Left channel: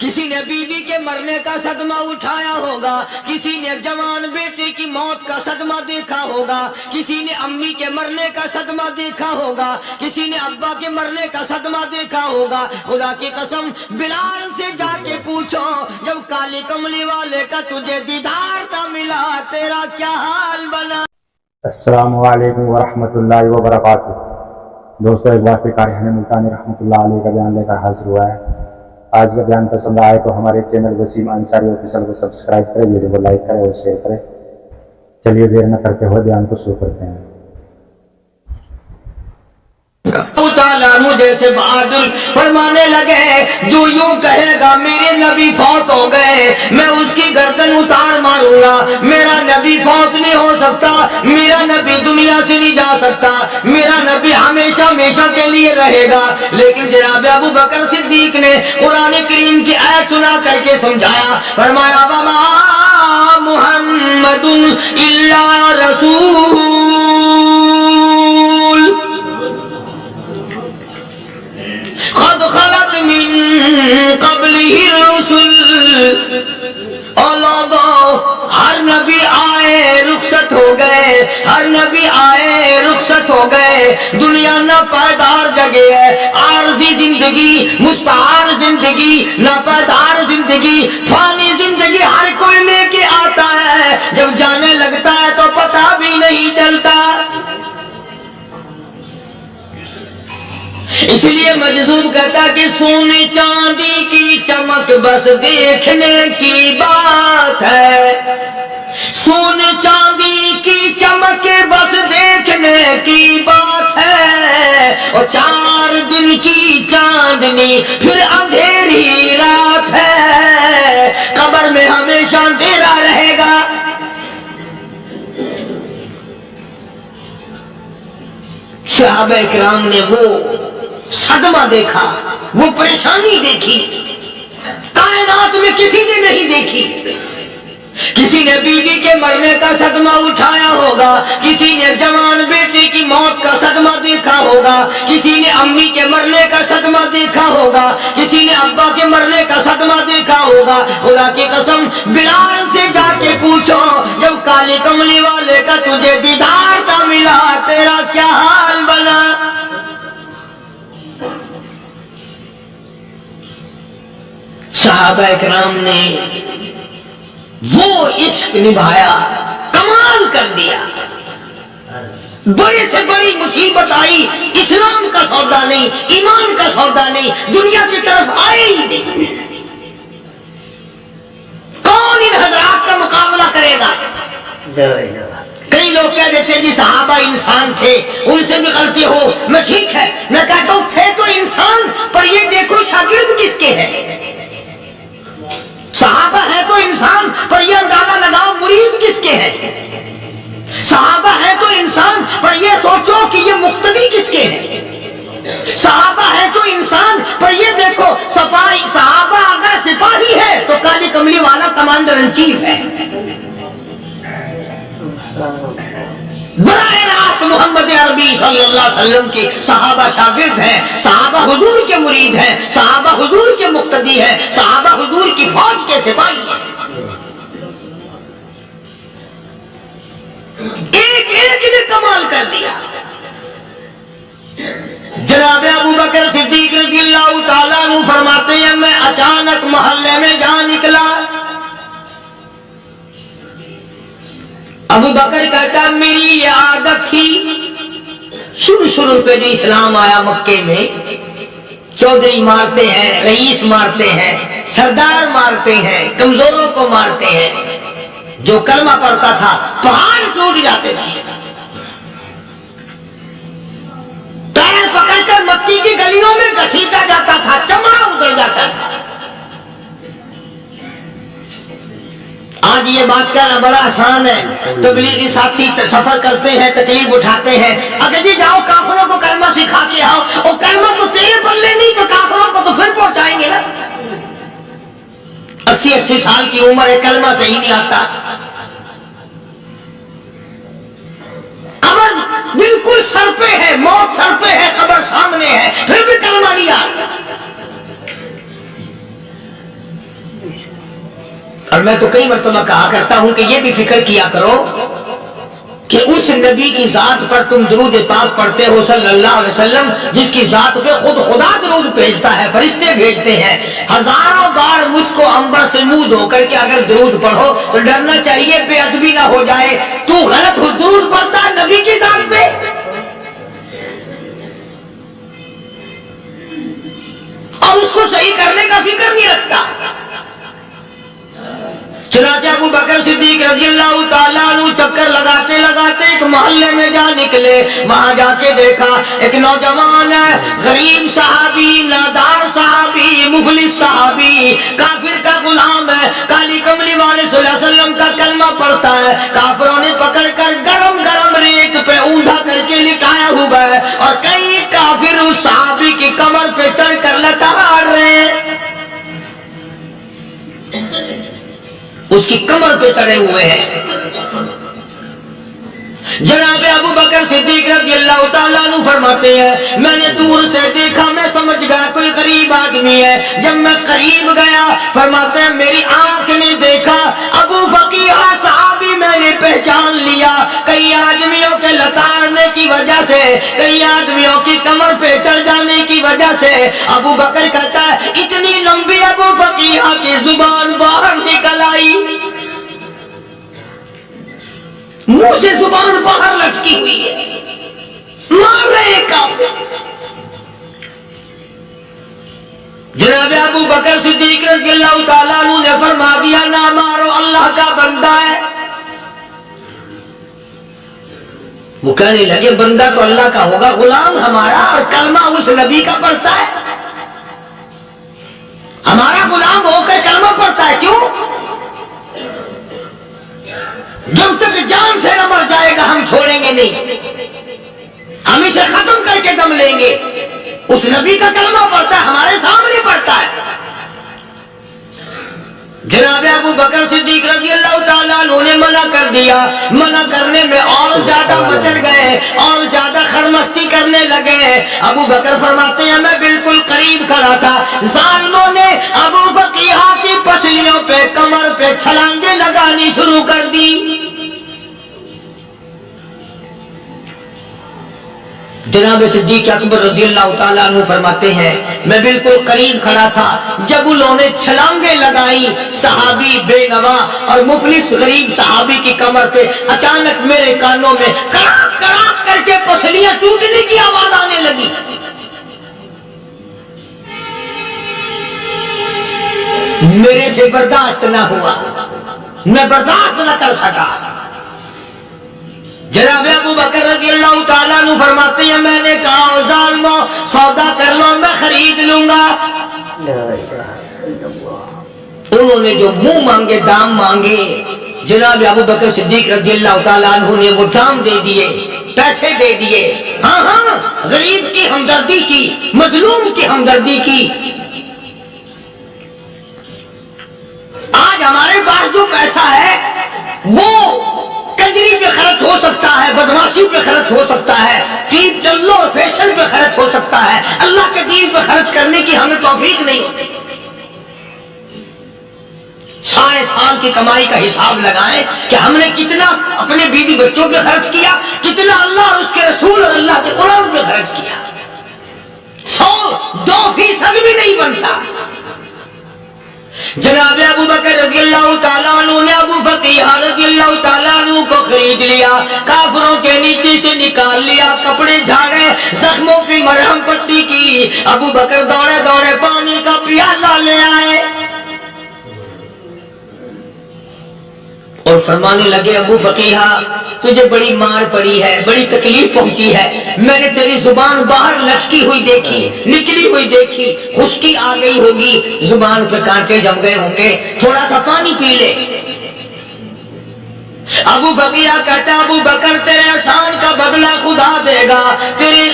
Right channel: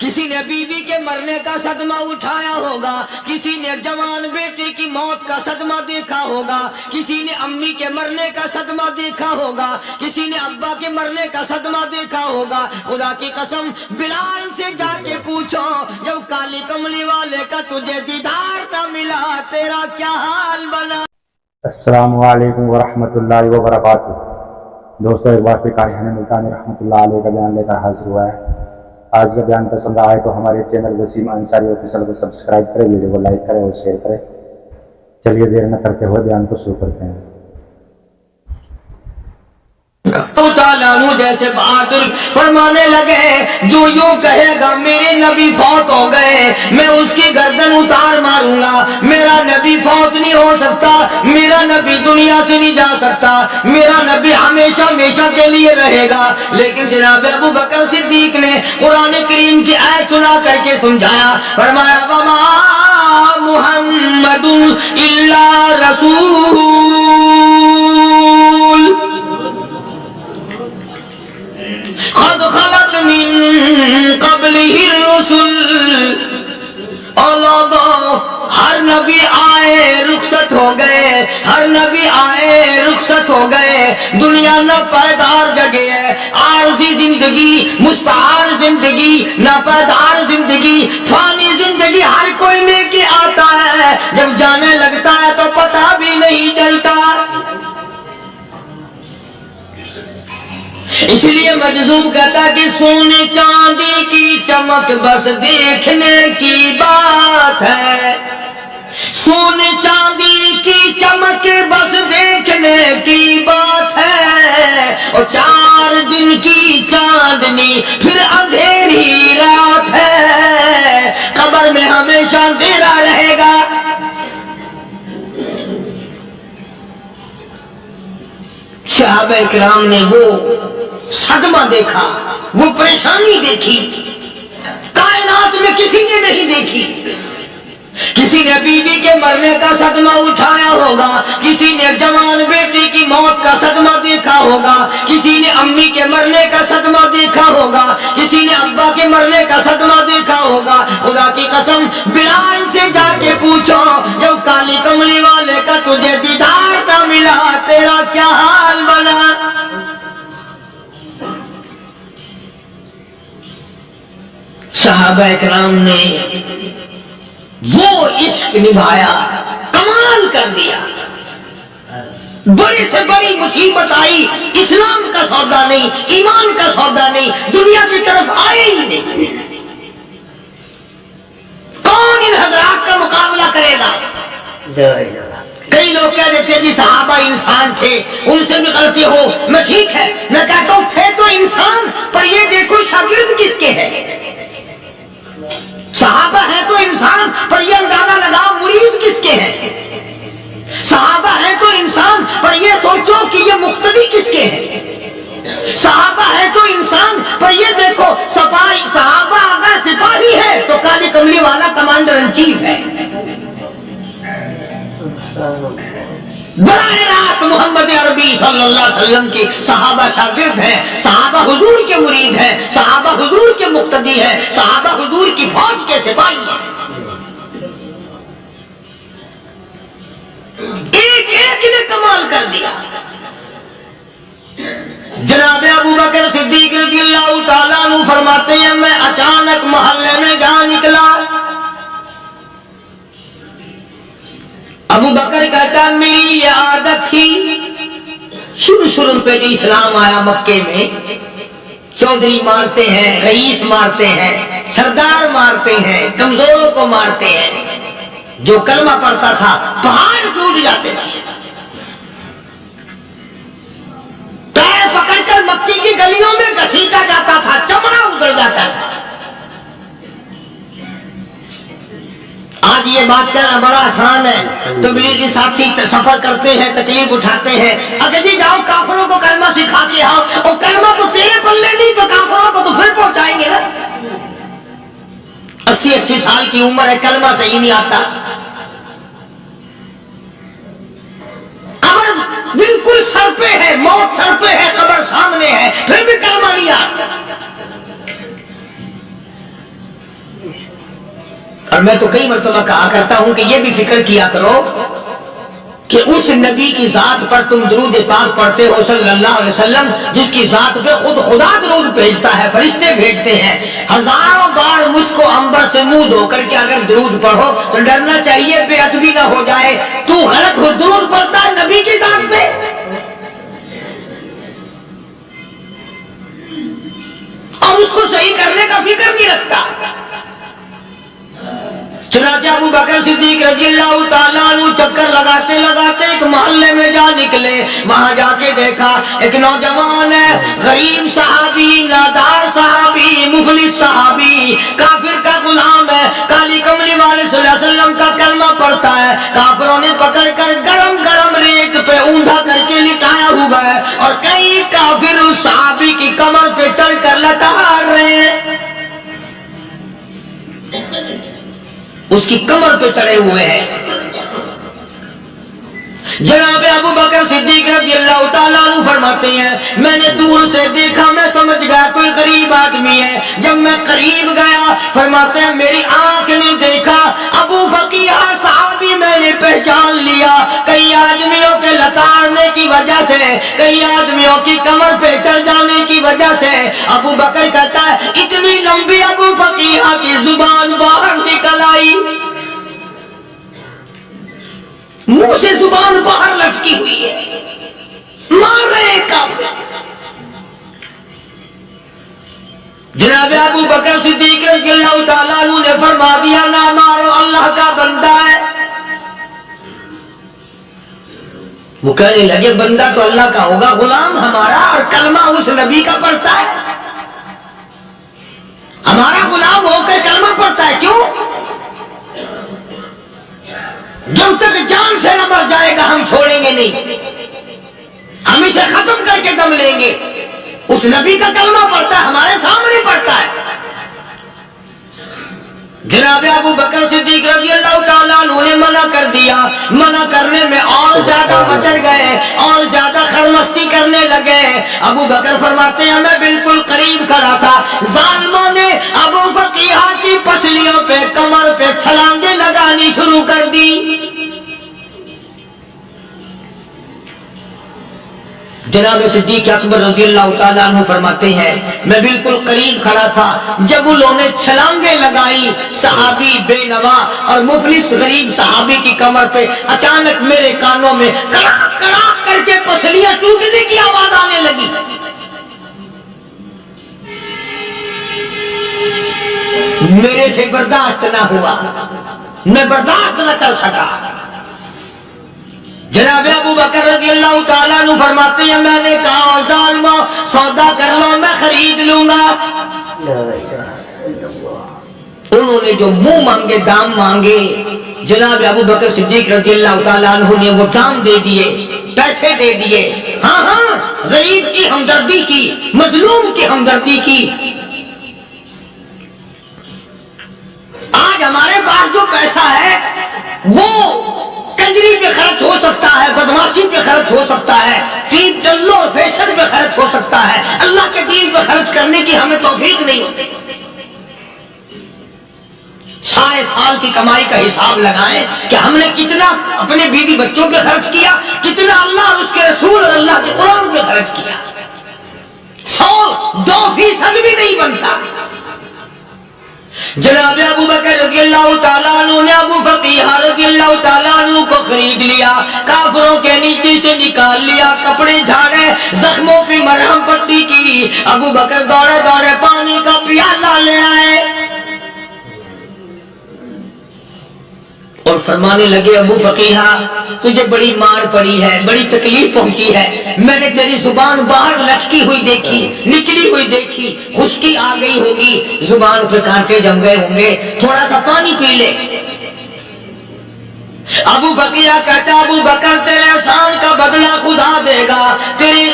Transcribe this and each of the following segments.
کسی نے بیوی کے مرنے کا صدمہ اٹھایا ہوگا، کسی نے جوان بیٹے کی موت کا صدمہ دیکھا ہوگا، کسی نے امی کے مرنے کا صدمہ دیکھا ہوگا، کسی نے ابا کے مرنے کا صدمہ دیکھا ہوگا۔ خدا کی قسم بلال سے جا کے پوچھو، جب کالی کملی والے کا تجھے دیدار نہ ملا تیرا کیا حال بنا۔ السلام علیکم ورحمۃ اللہ وبرکاتہ۔ دوستو ایک بار پھر قاری ملتانی رحمۃ اللہ علیہ کا بیان لے کر حاضر ہوا ہے۔ آج کا بیان پسند آئے تو ہمارے چینل وسیم انصاری آفیشل کو سبسکرائب کریں، ویڈیو کو لائک کریں اور شیئر کریں۔ چلیے دیر نہ کرتے ہوئے بیان کو شروع کرتے ہیں۔ تعالیٰ عنہ جیسے بہادر فرمانے لگے، جو یوں کہے گا میرے نبی فوت ہو گئے میں اس کی گردن اتار ماروں گا، میرا نبی فوت نہیں ہو سکتا، میرا نبی دنیا سے نہیں جا سکتا، میرا نبی ہمیشہ ہمیشہ کے لیے رہے گا۔ لیکن جناب ابو بکر صدیق نے قرآن کریم کی آیت سنا کر کے سمجھایا، فرمایا وما محمد الا رسول قد خلت من قبلہ الرسل۔ اولاد ہر نبی آئے رخصت ہو گئے، ہر نبی آئے رخصت ہو گئے۔ دنیا نہ پائیدار جگہ ہے، عارضی زندگی، مستعار زندگی، نہ پائیدار زندگی، فانی زندگی ہر کوئی لے کے آتا ہے، جب جانے لگتا ہے تو پتہ بھی نہیں چلتا۔ اس لیے مجذوب کہتا کہ سونے چاندی کی چمک بس دیکھنے کی بات ہے، سونے چاندی کی چمک بس دیکھنے کی بات ہے، اور 4 دن کی چاندنی پھر اندھیری رات ہے، قبر میں ہمیشہ اندھیرا رہے گا۔ صحابہ اکرام نے وہ صدمہ دیکھا، وہ پریشانی دیکھی، کائنات میں کسی نے نہیں دیکھی۔ کسی نے بیوی کے مرنے کا صدمہ اٹھایا ہوگا، کسی نے جوان بیٹے کی موت کا صدمہ دیکھا ہوگا، کسی نے امی کے مرنے کا صدمہ دیکھا ہوگا، کسی نے ابا کے مرنے کا صدمہ دیکھا ہوگا۔ خدا کی قسم بلال سے جا کے پوچھو، جب کالی کملی والے کا تجھے دیدار نہ ملا تیرا کیا حال بنا۔ صحابہ اکرام نے وہ عشق نبھایا، کمال کر دیا۔ بڑے سے بڑی مصیبت آئی، اسلام کا سودا نہیں، ایمان کا سودا نہیں، دنیا کی طرف آئے ہی نہیں۔ کون ان حضرات کا مقابلہ کرے گا؟ کئی لوگ کہہ دیتے ہیں جی صحابہ انسان تھے، ان سے بھی غلطی ہو، میں ٹھیک ہے، میں کہتا ہوں تھے تو انسان، پر یہ دیکھو شاگرد کس کے ہیں۔ صحابہ ہے تو انسان، پر یہ اندازہ لگاؤ مرید کس کے ہیں۔ صحابہ ہے تو انسان، پر یہ سوچو کہ یہ مقتدی کس کے ہیں۔ صحابہ ہے تو انسان، پر یہ دیکھو صحابہ اگر سپاہی ہے تو کالی کملی والا کمانڈر ان چیف ہے۔ براہ راست محمد عربی صلی اللہ علیہ وسلم کی صحابہ شاگرد ہیں، صحابہ حضور کے مرید ہیں، صحابہ حضور کے مقتدی ہیں، صحابہ حضور کی فوج کے سپاہی ہیں۔ ایک ایک نے کمال کر دیا۔ جناب ابو بکر صدیق رضی اللہ تعالیٰ عنہ فرماتے ہیں میں اچانک محلے میں جا نکلا۔ ابو بکر کہتا ہے میری یہ عادت تھی، شروع پہ جو اسلام آیا مکے میں، چودھری مارتے ہیں، رئیس مارتے ہیں، سردار مارتے ہیں، کمزوروں کو مارتے ہیں۔ جو کلمہ پڑھتا تھا پہاڑ ٹوٹ جاتے تھے، پیر پکڑ کر مکی کی گلیوں میں گھسیٹا جاتا تھا، چمڑا ادھر جاتا تھا۔ آج یہ بات کہنا بڑا آسان ہے، تبلیغی ساتھی سفر کرتے ہیں، تکلیف اٹھاتے ہیں، اگر جی جاؤ کافروں کو کلمہ سکھا کے آؤ، اور کلمہ تو تیرے پلے نہیں تو کافروں کو تو پھر پہنچائیں گے نا۔ 80 سال کی عمر ہے، کلمہ صحیح نہیں آتا، قبر بالکل سر پہ ہے، موت سر پہ ہے، قبر سامنے ہے، پھر بھی کلمہ نہیں آتا۔ اور میں تو کئی مرتبہ کہا کرتا ہوں کہ یہ بھی فکر کیا کرو کہ اس نبی کی ذات پر تم درود پاک پڑھتے ہو صلی اللہ علیہ وسلم، جس کی ذات پہ خود خدا درود بھیجتا ہے، فرشتے بھیجتے ہیں، ہزاروں بار مجھ کو عنبر سے منہ دھو کر کے اگر درود پڑھو تو ڈرنا چاہیے بے ادبی نہ ہو جائے، تو غلط ہو درود پڑھتا ہے نبی کی ذات پہ، اور اس کو صحیح کرنے کا فکر نہیں رکھتا۔ چنانچہ ابو بکر صدیق رضی اللہ تعالیٰ عنہ چکر لگاتے لگاتے ایک محلے میں جا نکلے، وہاں جا کے دیکھا ایک نوجوان ہے، غریب صحابی، نادار صحابی، مفلس صحابی، کافر کا غلام ہے، کالی کملی والے صلی اللہ علیہ وسلم کا کلمہ پڑھتا ہے، کافروں نے پکڑ کر گرم گرم ریت پہ اونڈا کر کے لٹایا ہوا ہے، اور کئی کافر اس صحابی کی کمر پہ چڑھ کر لٹار رہے ہیں، اس کی کمر پہ چڑھے ہوئے ہیں۔ جناب ابو بکر صدیق رضی اللہ تعالیٰ عنہ فرماتے ہیں میں نے دور سے دیکھا، میں سمجھ گیا کوئی غریب آدمی ہے، جب میں قریب گیا فرماتے ہیں میری آنکھ نے دیکھا ابو بقیہ صحابی، میں نے پہچان لیا، کئی آدمیوں کے لتاڑنے کی وجہ سے، کئی آدمیوں کی کمر پہ چڑھ جانے کی وجہ سے ابو بکر کہتا ہے اتنی لمبی ابو بقیہ کی زبان باہر نکل آئی، منہ سے زبان باہر لٹکی ہوئی ہے، مار رہے ہیں کافر۔ جناب ابو بکر صدیق رضی اللہ تعالیٰ عنہ نے فرما دیا نہ مارو، اللہ کا بندہ ہے۔ وہ کہنے لگے بندہ تو اللہ کا ہوگا، غلام ہمارا، اور کلمہ اس نبی کا پڑھتا ہے، ہمارا غلام ہو کر کلمہ پڑھتا ہے، کیوں؟ جب تک جان سے نہ مر جائے گا ہم چھوڑیں گے نہیں، ہم اسے ختم کر کے دم لیں گے۔ اس نبی کا کلمہ پڑھتا ہے، ہمارے سامنے پڑھتا ہے۔ جناب ابو بکر صدیق رضی اللہ تعالیٰ عنہ نے منع کر دیا، منع کرنے میں اور زیادہ مچل گئے، اور زیادہ خرمستی کرنے لگے۔ ابو بکر فرماتے ہیں میں بالکل قریب کھڑا تھا، ظالموں نے ابو بقیہ کی پسلیوں پہ، کمر پہ چھلانگیں لگانی شروع کر دی۔ جناب صدیق اکبر رضی اللہ تعالیٰ عنہ فرماتے ہیں میں بالکل قریب کھڑا تھا، جب انہوں نے چھلانگیں لگائیں صحابی بے نوا اور مفلس غریب صحابی کی کمر پہ، اچانک میرے کانوں میں کڑاک کڑاک کر کے پسلیاں ٹوٹنے کی آواز آنے لگی۔ میرے سے برداشت نہ ہوا، میں برداشت نہ کر سکا۔ جناب ابو بکر رضی اللہ تعالیٰ عنہ فرماتے ہیں میں نے کہا ظالمو سودا کر لو، میں خرید لوں گا۔ لا الہ الا اللہ۔ انہوں نے جو منہ مانگے، دام مانگے، جناب ابو بکر صدیق رضی اللہ تعالیٰ عنہ نے وہ دام دے دیے، پیسے دے دیے، ہاں ہاں، غریب کی ہمدردی کی، مظلوم کی ہمدردی کی۔ آج ہمارے پاس جو پیسہ ہے وہ کنجری پہ خرچ ہو سکتا ہے، بدماشی پہ خرچ ہو سکتا ہے، ٹیپ ٹلو اور فیشن پہ خرچ ہو سکتا ہے، اللہ کے دین پہ خرچ کرنے کی ہمیں توفیق نہیں ہوتی۔ سارے سال کی کمائی کا حساب لگائیں کہ ہم نے کتنا اپنے بیوی بچوں پہ خرچ کیا، کتنا اللہ اور اس کے رسول اور اللہ کے قرآن پہ خرچ کیا، 100-2% بھی نہیں بنتا۔ جناب ابو بکر رضی اللہ تعالیٰ عنہ نے ابو بقیہ رضی اللہ تعالیٰ عنہ کو خرید لیا، کافروں کے نیچے سے نکال لیا، کپڑے جھاڑے، زخموں پہ مرہم پٹی کی۔ ابو بکر دوڑے دوڑے پانی کا پیالہ لے آئے اور فرمانے لگے ابو بقیہ تجھے بڑی مار پڑی ہے، بڑی تکلیف پہنچی ہے، میں نے تیری زبان باہر لٹکی ہوئی دیکھی، نکلی ہوئی دیکھی، خشکی آ گئی ہوگی، زبان پہ کانٹے جم گئے ہوں گے، تھوڑا سا پانی پی لے۔ ابو بقیہ کہتا ابو بکر تیرے احسان کا بدلہ خدا دے گا، تیری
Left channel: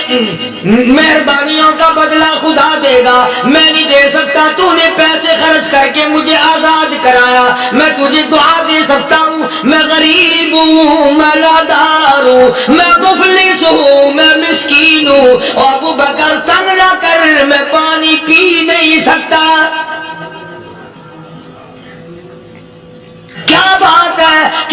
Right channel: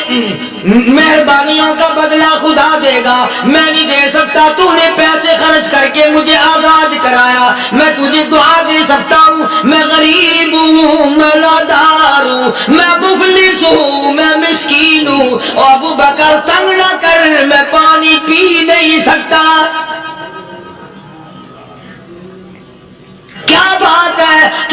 مہربانیوں کا بدلہ خدا دے گا، میں نہیں دے سکتا، تو نے پیسے خرچ کر کے مجھے آزاد کرایا، میں تجھے دعا دے سکتا ہوں، میں غریب ہوں، میں نادار ہوں، میں مفلس ہوں، میں مسکین ہوں، اور ابو بکر تنگ نہ کر، میں پانی پی نہیں سکتا۔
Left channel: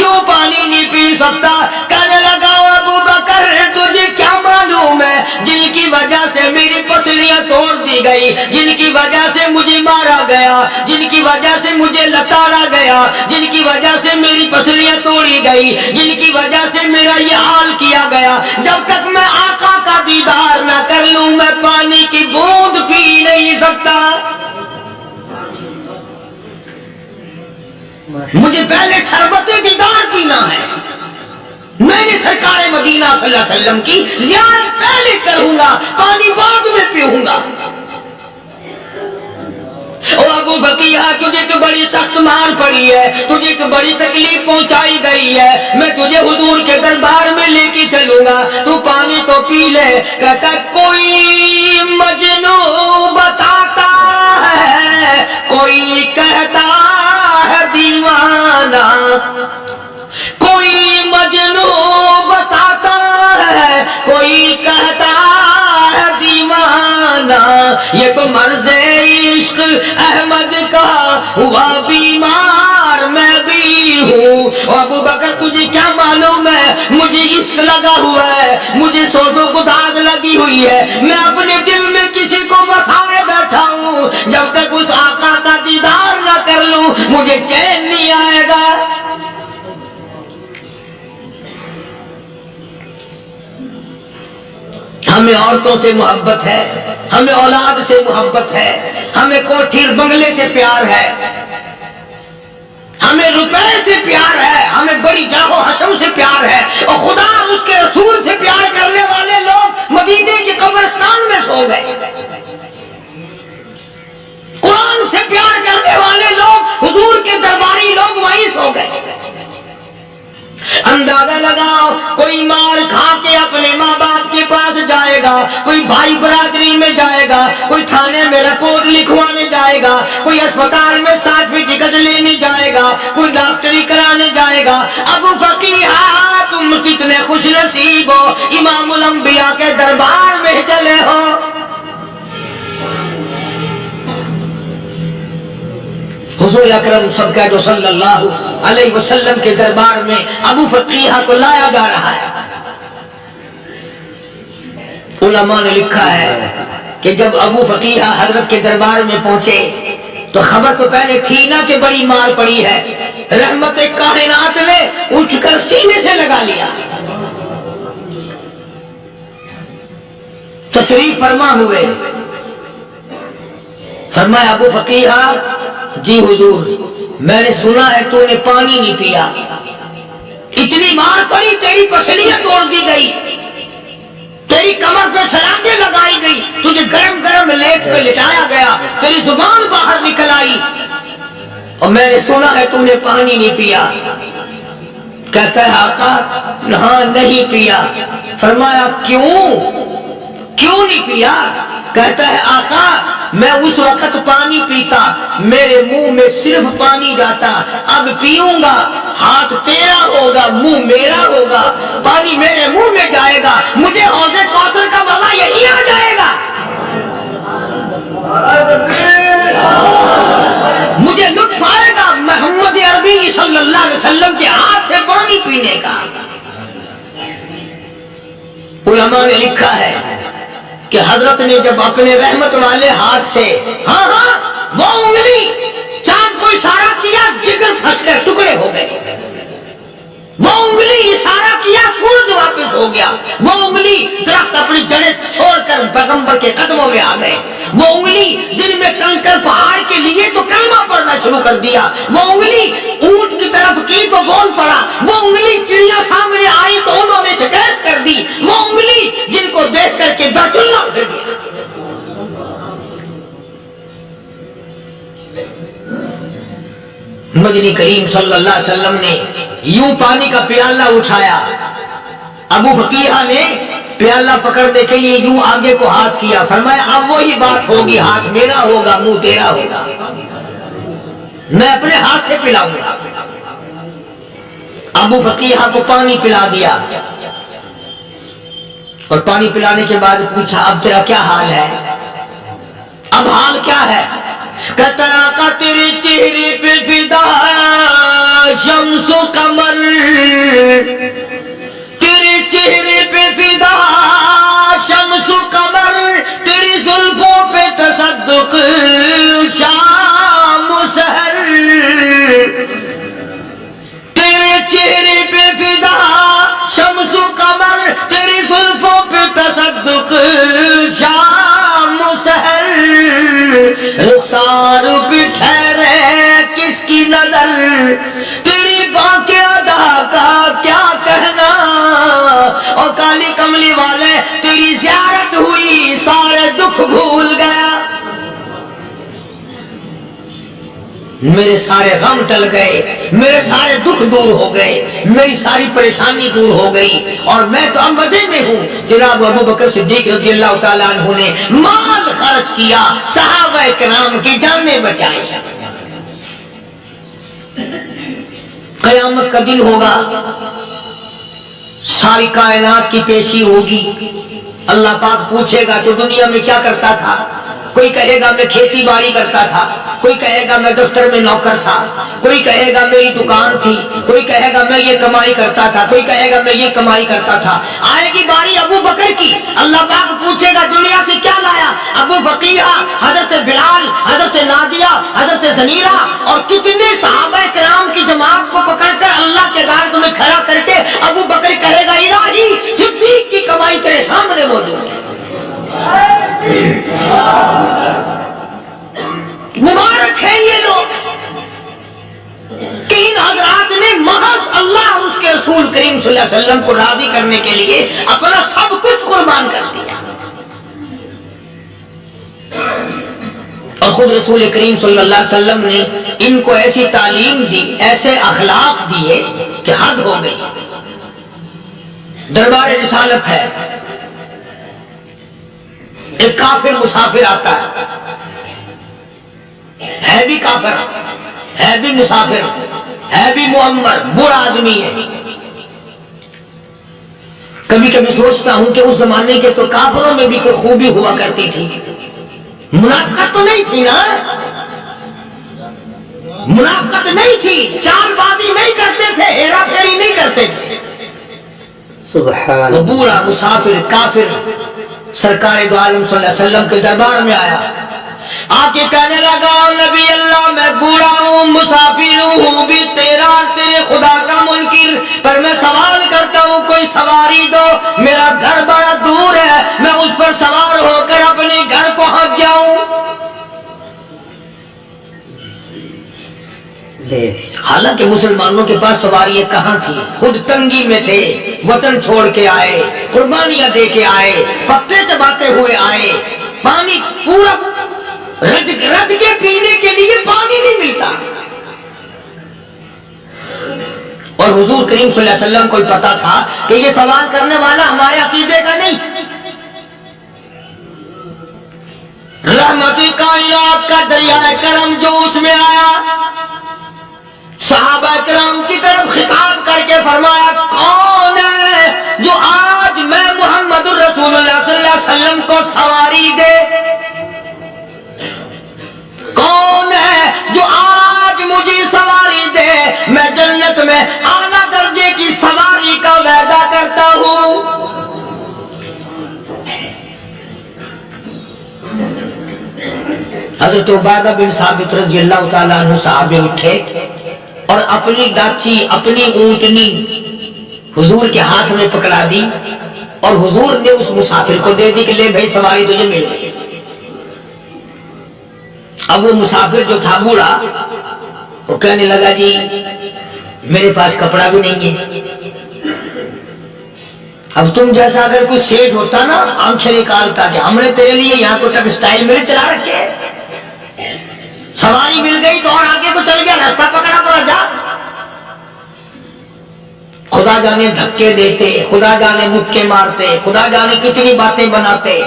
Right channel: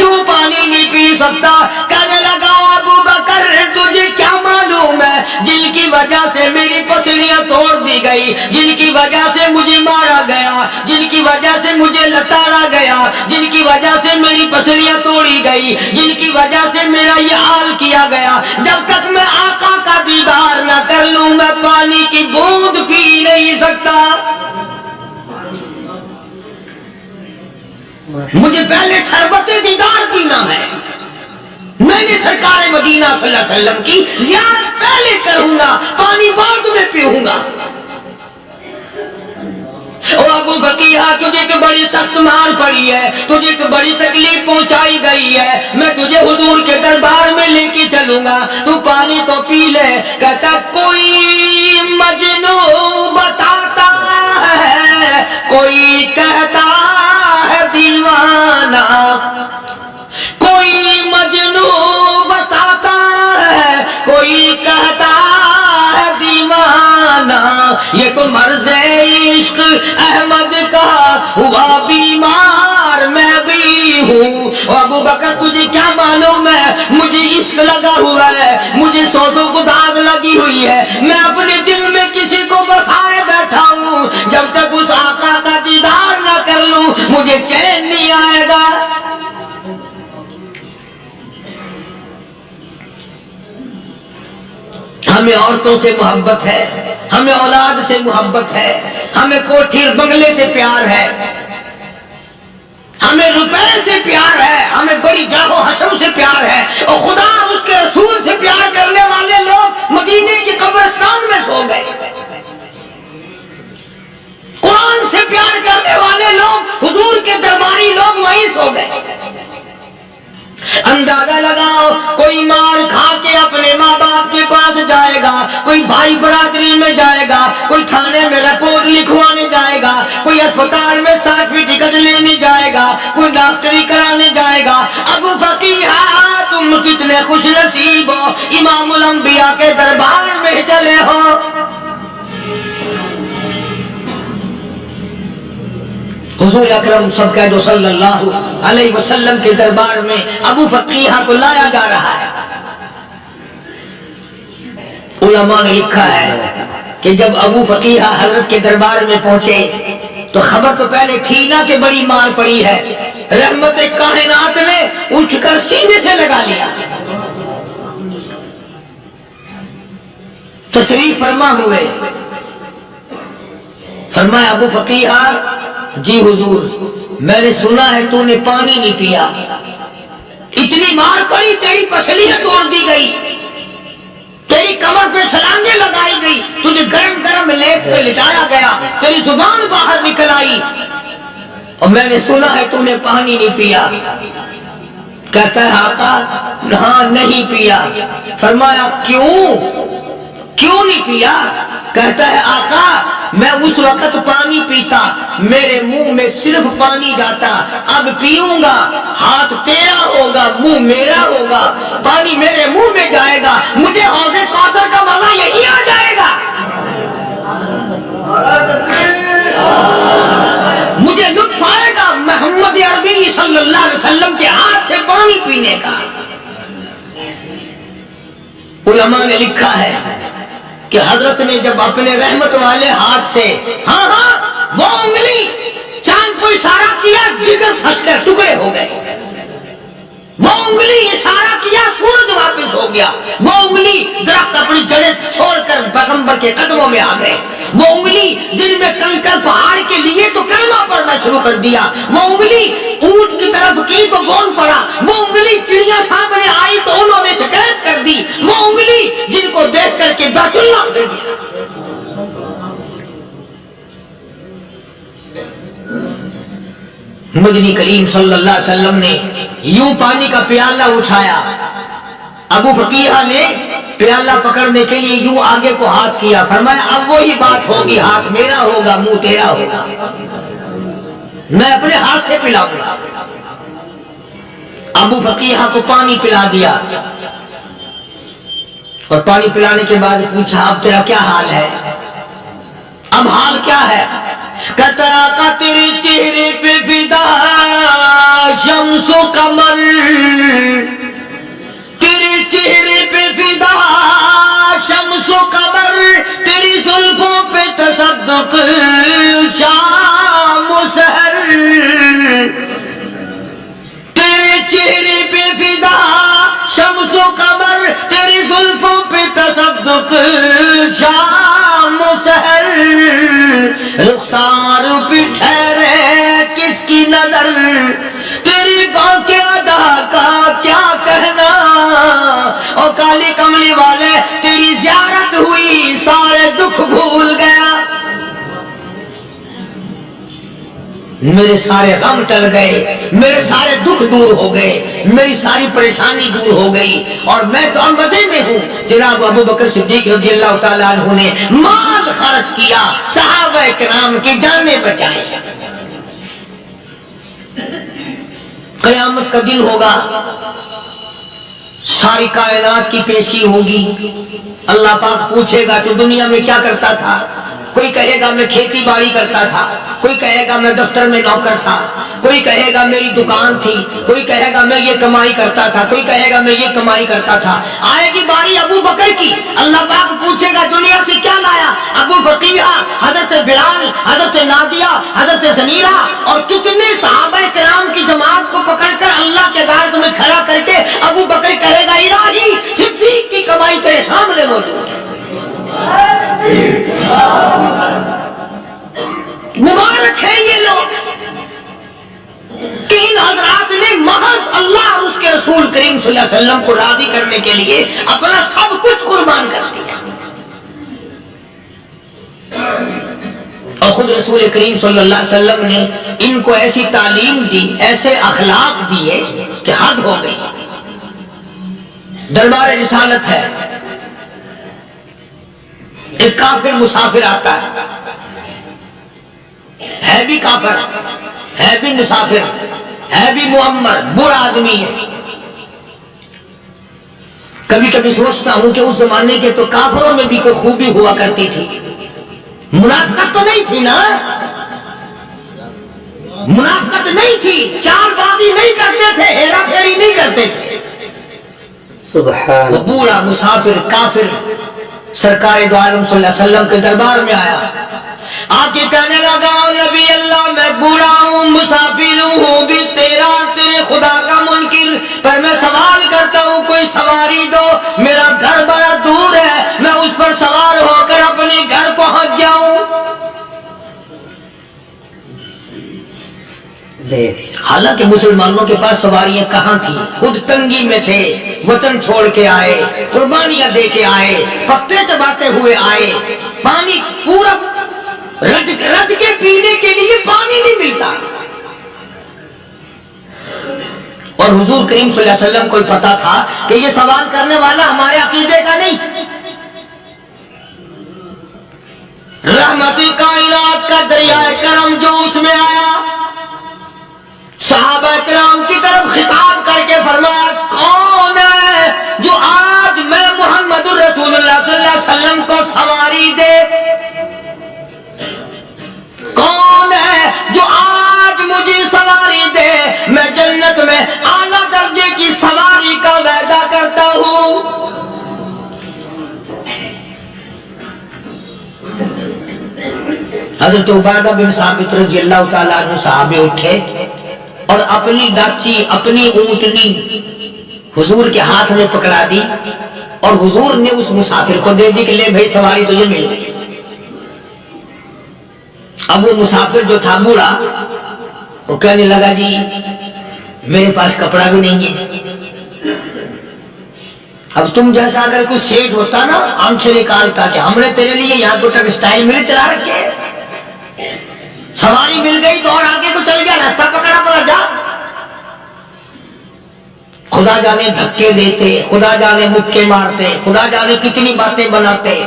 کیوں پانی نہیں پی سکتا؟ کہنے لگا ابو بکر تجھے کیا معلوم ہے جن کی وجہ سے میری پسلیاں توڑ دی گئی، جن کی وجہ سے مجھے مارا گیا، جن کی وجہ سے مجھے لتاڑا گیا، جن کی وجہ سے میری پسلیاں توڑی گئی، جن کی وجہ سے میرا یہ حال کیا گیا، جب تک میں آقا کا دیدار نہ کر لوں میں پانی کی بوند پی نہیں سکتا۔ مجھے پہلے شربت دیدار پینا ہے، میں نے سرکار مدینہ صلی اللہ علیہ وسلم کی زیارت پہلے کروں گا، پانی بعد میں پیوں گا۔ او ابو بقیہ تجھے تو بڑی سخت مار پڑی ہے، تجھے تو بڑی تکلیف پہنچائی گئی ہے، میں تجھے حضور کے دربار میں لے کے چلوں گا، تو پانی تو پی لے۔ کہتا کوئی مجنون بتاتا ہے، کوئی کہتا ہے دیوانہ، کوئی مجنون بتاتا ہے، کوئی کہتا ہے دیوانہ، یہ تو مرض عشق احمد کا ہوا بیمار میں بھی ہوں۔ ابو بکر تجھے کیا معلوم ہے مجھے عشق لگا ہوا ہے، مجھے سوز و گداز لگی ہوئی ہے، میں اپنے دل میں کسی کو بسائے بیٹھا ہوں، جب تک اس آقا کا دیدار نہ کر لوں مجھے چین نہیں آئے گا۔ ہمیں عورتوں سے محبت ہے، ہمیں اولاد سے محبت ہے، ہمیں کوٹھی بنگلے سے پیار ہے، ہمیں روپے سے پیار ہے، ہمیں بڑی جاہ و حشم سے پیار ہے، اور خدا اور اس کے رسول سے پیار کرنے والے لوگ مدینے کے قبرستان میں سو گئے، قرآن سے پیار کرنے والے لوگ حضور کے درباری لوگ وہیں سو گئے۔ اندازہ لگاؤ کوئی مار کھا کے اپنے ماں باپ کے پاس جائے گا، کوئی بھائی برادری میں جائے گا، کوئی تھانے میں رپورٹ لکھوانے جائے گا، کوئی اسپتال میں سرٹیفکیٹ لینے جائے گا، کوئی ڈاکٹری کرانے جائے گا۔ ابو فقیہ تم کتنے خوش نصیب ہو، امام الانبیاء کے دربار میں چلے ہو۔ حضور اکرم سب کہہ دو صلی اللہ علیہ وسلم کے دربار میں ابو فقیہ کو لایا جا رہا ہے۔ علماء نے لکھا ہے کہ جب ابو فقیہ حضرت کے دربار میں پہنچے تو خبر تو پہلے تھی نا کہ بڑی مار پڑی ہے، رحمت کائنات نے اٹھ کر سینے سے لگا لیا، تشریف فرما ہوئے، فرمایا ابو فقیہ جی حضور میں نے سنا ہے تو نے پانی نہیں پیا، اتنی مار پڑی تیری پسلیاں توڑ دی گئی، تیری کمر پہ چھلانگیں لگائی گئی، تجھے گرم گرم لیپ پہ لٹایا گیا، تیری زبان باہر نکل آئی، اور میں نے سنا ہے تو نے پانی نہیں پیا۔ کہتا ہے آقا ہاں نہیں پیا۔ فرمایا کیوں نہیں پیا؟ کہتا ہے آقا میں اس وقت پانی پیتا میرے منہ میں صرف پانی جاتا، اب پیوں گا ہاتھ تیرا ہوگا منہ میرا ہوگا، پانی میرے منہ میں جائے گا، مجھے حوض کوثر کا مزہ یہی آ جائے گا، مجھے لطف آئے گا محمد عربی صلی اللہ علیہ وسلم کے ہاتھ سے پانی پینے کا۔ علماء نے لکھا ہے کہ حضرت نے جب اپنے رحمت والے ہاتھ سے وہ انگلی چاند کو اشارہ کیا، جگر پھنس کر ٹکڑے ہو گئے، وہ انگلی اشارہ کیا سورج واپس ہو گیا، وہ انگلی درخت اپنی جڑیں چھوڑ کر پیغمبر کے قدموں میں آ گئے، وہ انگلی دل میں کنکر پہاڑ کے لیے تو کلمہ پڑھنا شروع کر دیا، وہ انگلی اونٹ کی طرف کی تو بول پڑا، وہ انگلی چڑیا سامنے آئی تو انہوں نے شکایت کر دی، وہ انگلی جن کو دیکھ کر کے بیت اللہ پھر گیا۔ مدنی کریم صلی اللہ علیہ وسلم نے یوں پانی کا پیالہ اٹھایا، ابو فقیہ نے پیالہ پکڑنے کے لیے یوں آگے کو ہاتھ کیا، فرمایا اب وہی بات ہوگی، ہاتھ میرا ہوگا منہ تیرا ہوگا، میں اپنے ہاتھ سے پلاؤں گا۔ ابو فقیہ کو پانی پلا دیا، اور پانی پلانے کے بعد پوچھا اب تیرا کیا حال ہے؟ اب حال کیا ہے؟ کترا کا تیرے چہرے پہ فدا شمس و قمر، شام و سحر رخسار پہ ٹھہرے کس کی نظر تیری باقی ادا کا کیا کہنا او کالی کملی والے تیری زیارت ہوئی سارے دکھ بھول گیا میرے سارے غم ٹل گئے میرے سارے دکھ دور ہو گئے میری ساری پریشانی دور ہو گئی اور میں تو اب مزے میں ہوں جناب ابو بکر صدیق رضی اللہ تعالیٰ عنہ نے مال خرچ کیا صحابہ کرام کی جانیں بچائیں قیامت کا دن ہوگا ساری کائنات کی پیشی ہوگی اللہ پاک پوچھے گا تو دنیا میں کیا کرتا تھا کوئی کہے گا میں کھیتی باڑی کرتا تھا کوئی کہے گا میں دفتر میں نوکر تھا کوئی کہے گا میری دکان تھی کوئی کہے گا میں یہ کمائی کرتا تھا کوئی کہے گا میں یہ کمائی کرتا تھا آئے گی باری ابو بکر کی اللہ پاک پوچھے گا دنیا سے کیا لایا ابو بقیہ حضرت بلال حضرت نادیہ حضرت زنیرہ اور کتنے صحابہ کرام کی جماعت کو پکڑ کر اللہ کے گھر میں کھڑا کر کے ابو بکر کہے گا الہی صدیق کی کمائی تیرے سامنے موجود ہے مبارک ہے یہ لوگ کہ ان حضرات نے محض اللہ اور اس کے رسول کریم صلی اللہ علیہ وسلم کو راضی کرنے کے لیے اپنا سب کچھ قربان کر دیا اور خود رسول کریم صلی اللہ علیہ وسلم نے ان کو ایسی تعلیم دی ایسے اخلاق دیے کہ حد ہو گئی دربار رسالت ہے ایک کافر مسافر آتا ہے بھی کافر ہے بھی مسافر ہے بھی معمر برا آدمی ہے کبھی کبھی سوچتا ہوں کہ اس زمانے کے تو کافروں میں بھی کوئی خوبی ہوا کرتی تھی منافقت تو نہیں تھی نا منافقت نہیں تھی چال بازی نہیں کرتے تھے ہیرا پھیری نہیں کرتے تھے سبحان وہ بوڑھا مسافر کافر سرکار دو عالم صلی اللہ علیہ وسلم کے دربار میں آیا آکے کہنے لگا نبی اللہ میں بوڑھا ہوں مسافر ہوں بھی تیرا تیرے خدا کا منکر پر میں سوال کرتا ہوں کوئی سواری دو میرا گھر بڑا دور ہے میں اس پر سوار ہو کر اپنے گھر پہنچ جاؤں حالانکہ مسلمانوں کے پاس سواریاں کہاں تھی خود تنگی میں تھے وطن چھوڑ کے آئے قربانیاں دے کے آئے پتے چباتے ہوئے آئے پانی پورا رج کے پینے کے لیے پانی نہیں ملتا اور حضور کریم صلی اللہ علیہ وسلم کو پتا تھا کہ یہ سوال کرنے والا ہمارے عقیدے کا نہیں رحمت کائنات کا دریائے کرم جو اس میں آیا صحابہ کرام کی طرف خطاب کر کے فرمایا کون ہے جو آج میں محمد الرسول اللہ صلی اللہ علیہ وسلم کو سواری دے کون ہے جو آج مجھے سواری دے میں جنت میں اعلیٰ درجے کی سواری کا وعدہ کرتا ہوں حضرت عبادہ بن ثابت رضی اللہ تعالیٰ عنہ صحابے اٹھے اور اپنی داچی اپنی اونٹنی حضور کے ہاتھ میں پکڑا دی اور حضور نے اس مسافر کو دے دی کہ لے بھائی سواری تجھے مل گئی اب وہ مسافر جو تھا بوڑھا وہ کہنے لگا جی میرے پاس کپڑا بھی نہیں ہے اب تم جیسا اگر کوئی سیٹ ہوتا نا آنکھیں نکالتا کہ ہم نے تیرے لیے یہاں کو ٹیکسٹائل مل چلا رکھے سواری مل گئی تو اور آگے کو چل گیا راستہ پکڑا پڑا جا خدا جانے دھکے دیتے خدا جانے مکے مارتے خدا جانے کتنی باتیں بناتے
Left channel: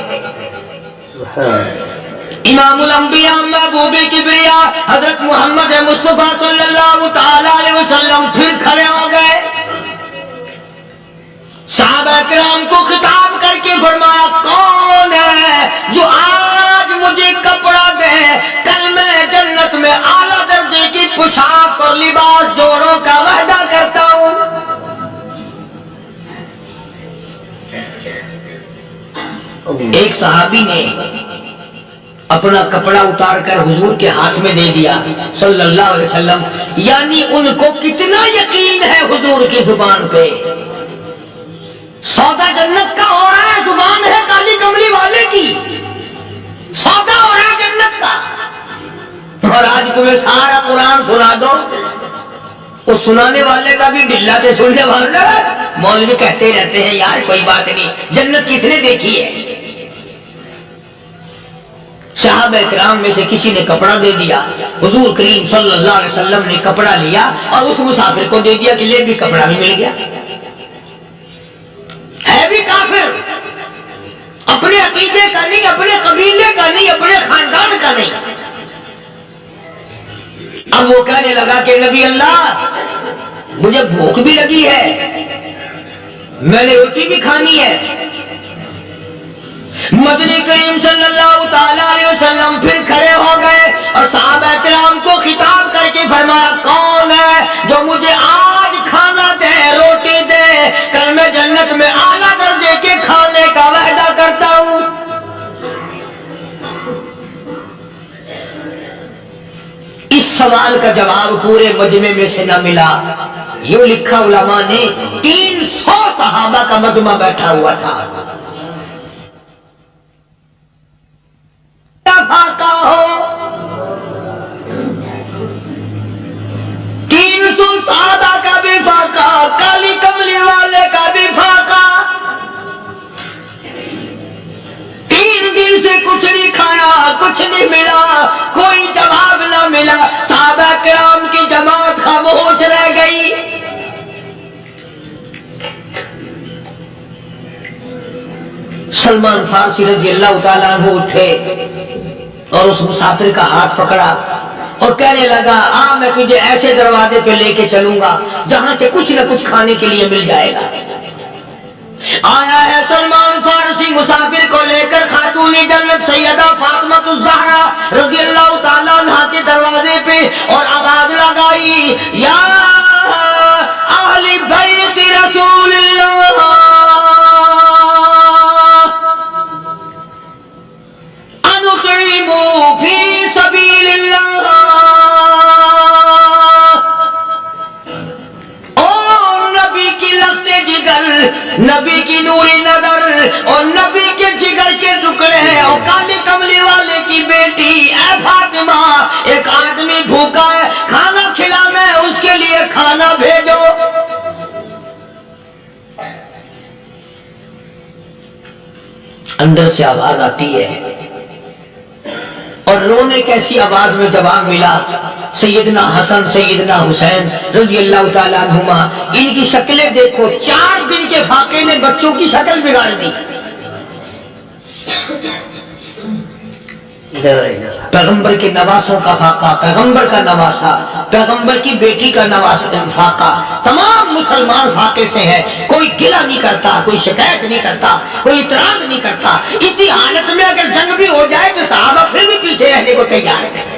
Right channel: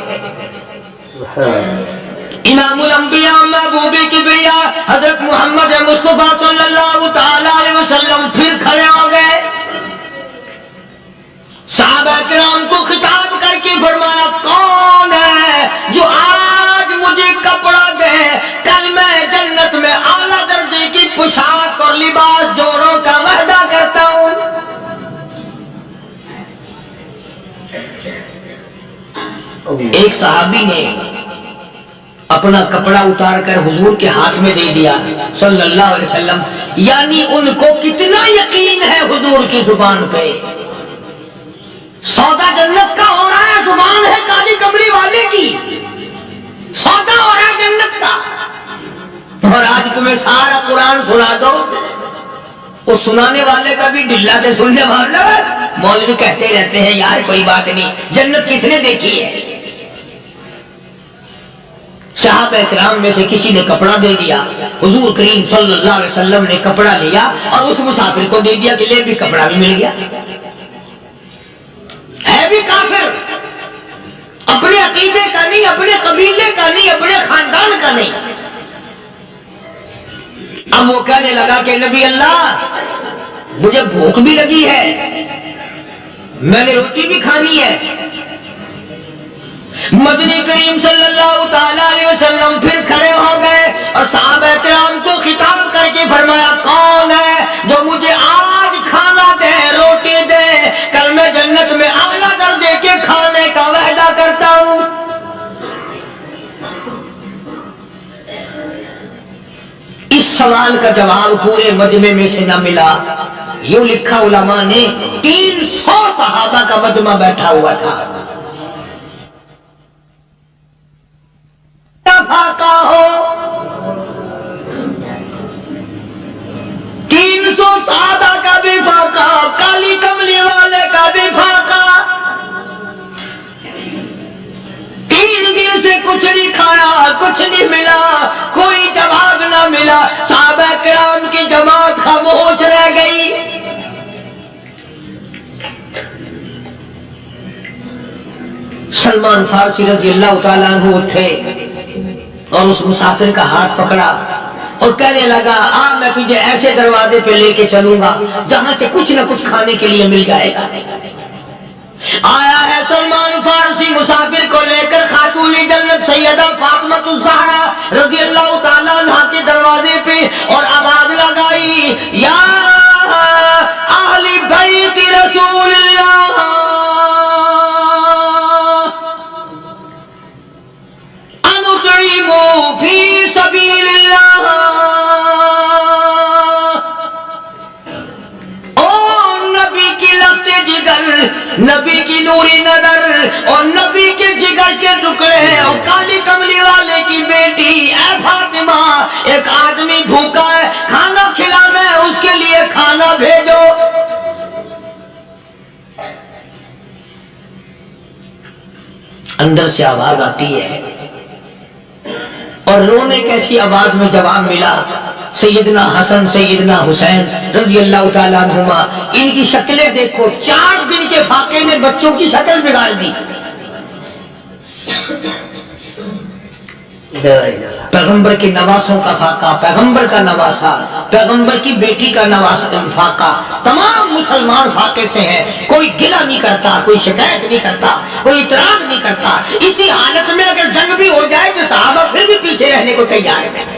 امام الانبیاء محبوب کبریا حضرت محمد مصطفیٰ صلی اللہ تعالی علیہ وسلم پھر کھڑے ہو گئے صحابہ کرام کو خطاب کر کے فرمایا کون ہے جو آج مجھے کپڑا دے کل میں جنت میں اعلیٰ درجے کی پوشاک اور لباس جوڑوں کا وعدہ کرتا ہوں ایک صحابی نے اپنا کپڑا اتار کر حضور کے ہاتھ میں دے دیا صلی اللہ علیہ وسلم یعنی ان کو کتنا یقین ہے حضور کی زبان پہ سودا جنت کا ہو رہا ہے، زبان ہے کالی کملی والے کی، سودا ہو رہا ہے جنت کا۔ اور آج تمہیں سارا قرآن سنا دو، اس سنانے والے کا بھی ڈھلا تے سننے والا، مولوی کہتے رہتے ہیں یار کوئی بات نہیں، جنت کس نے دیکھی ہے؟ صحابہ کرام میں سے کسی نے کپڑا دے دیا، حضور کریم صلی اللہ علیہ وسلم نے کپڑا لیا اور اس مسافر کو دے دیا کہ لے بھی کپڑا بھی مل گیا۔ ہے بھی کافر، اپنے عقیدے کا نہیں، اپنے قبیلے کا نہیں، اپنے خاندان کا نہیں۔ اب وہ کہنے لگا کہ نبی اللہ مجھے بھوک بھی لگی ہے، میں نے روٹی بھی کھانی ہے۔ مدنی کریم صلی اللہ تعالی علیہ وسلم پھر کھڑے ہو گئے اور صحابہ کرام کو خطاب کر کے فرمایا، کون ہے جو مجھے آج کھانا دے، روٹی دے، کل میں جنت میں اعلیٰ درجے کے کھانے کا وعدہ کرتا ہوں۔ اس سوال کا جواب پورے مجمع میں سے نہ ملا۔ یوں لکھا علماء نے 300 صحابہ کا مجمع بیٹھا ہوا تھا، فاقہ ہو 300 صحابہ کا بھی فاقہ، کالی کملی والے کا بھی فاقہ۔ 3 دن سے کچھ نہیں کھایا، کچھ نہیں ملا، کوئی جواب نہ ملا، صحابہ کرام کی جماعت خاموش رہ گئی۔ سلمان فارسی رضی اللہ تعالیٰ عنہ اٹھے اور اس مسافر کا ہاتھ پکڑا اور کہنے لگا، میں تجھے ایسے دروازے پہ لے کے چلوں گا جہاں سے کچھ نہ کچھ کھانے کے لیے مل جائے گا۔ آیا ہے سلمان فارسی مسافر کو لے کر خاتون جنت سیدہ فاطمہ الزہرا رضی اللہ تعالیٰ عنہا کے دروازے پہ اور آواز لگائی، یا اہل بیت رسول اللہ انطعموا فی سبیل اللہ۔ نبی کی لخت جگر، نبی کی نوری نظر اور نبی کے جگر کے ٹکڑے اور کالی کملی والے کی بیٹی، اے فاطمہ ایک آدمی بھوکا ہے، کھانا کھلانا ہے، اس کے لیے کھانا بھیجو۔ اندر سے آواز آتی ہے اور رونے کیسی آواز میں جواب ملا، سیدنا حسن سیدنا حسین رضی اللہ تعالیٰ عنہما، ان کی شکلیں دیکھو، 4 دن کے فاقے نے بچوں کی شکل بگاڑ دی۔ پیغمبر کے نواسوں کا فاقہ، پیغمبر کا نواسا، پیغمبر کی بیٹی کا فاقہ، تمام مسلمان فاقے سے ہے، کوئی گلہ نہیں کرتا، کوئی شکایت نہیں کرتا، کوئی اعتراض نہیں کرتا۔ اسی حالت میں اگر جنگ بھی ہو جائے تو صحابہ پھر بھی پیچھے رہنے کو تیار ہے۔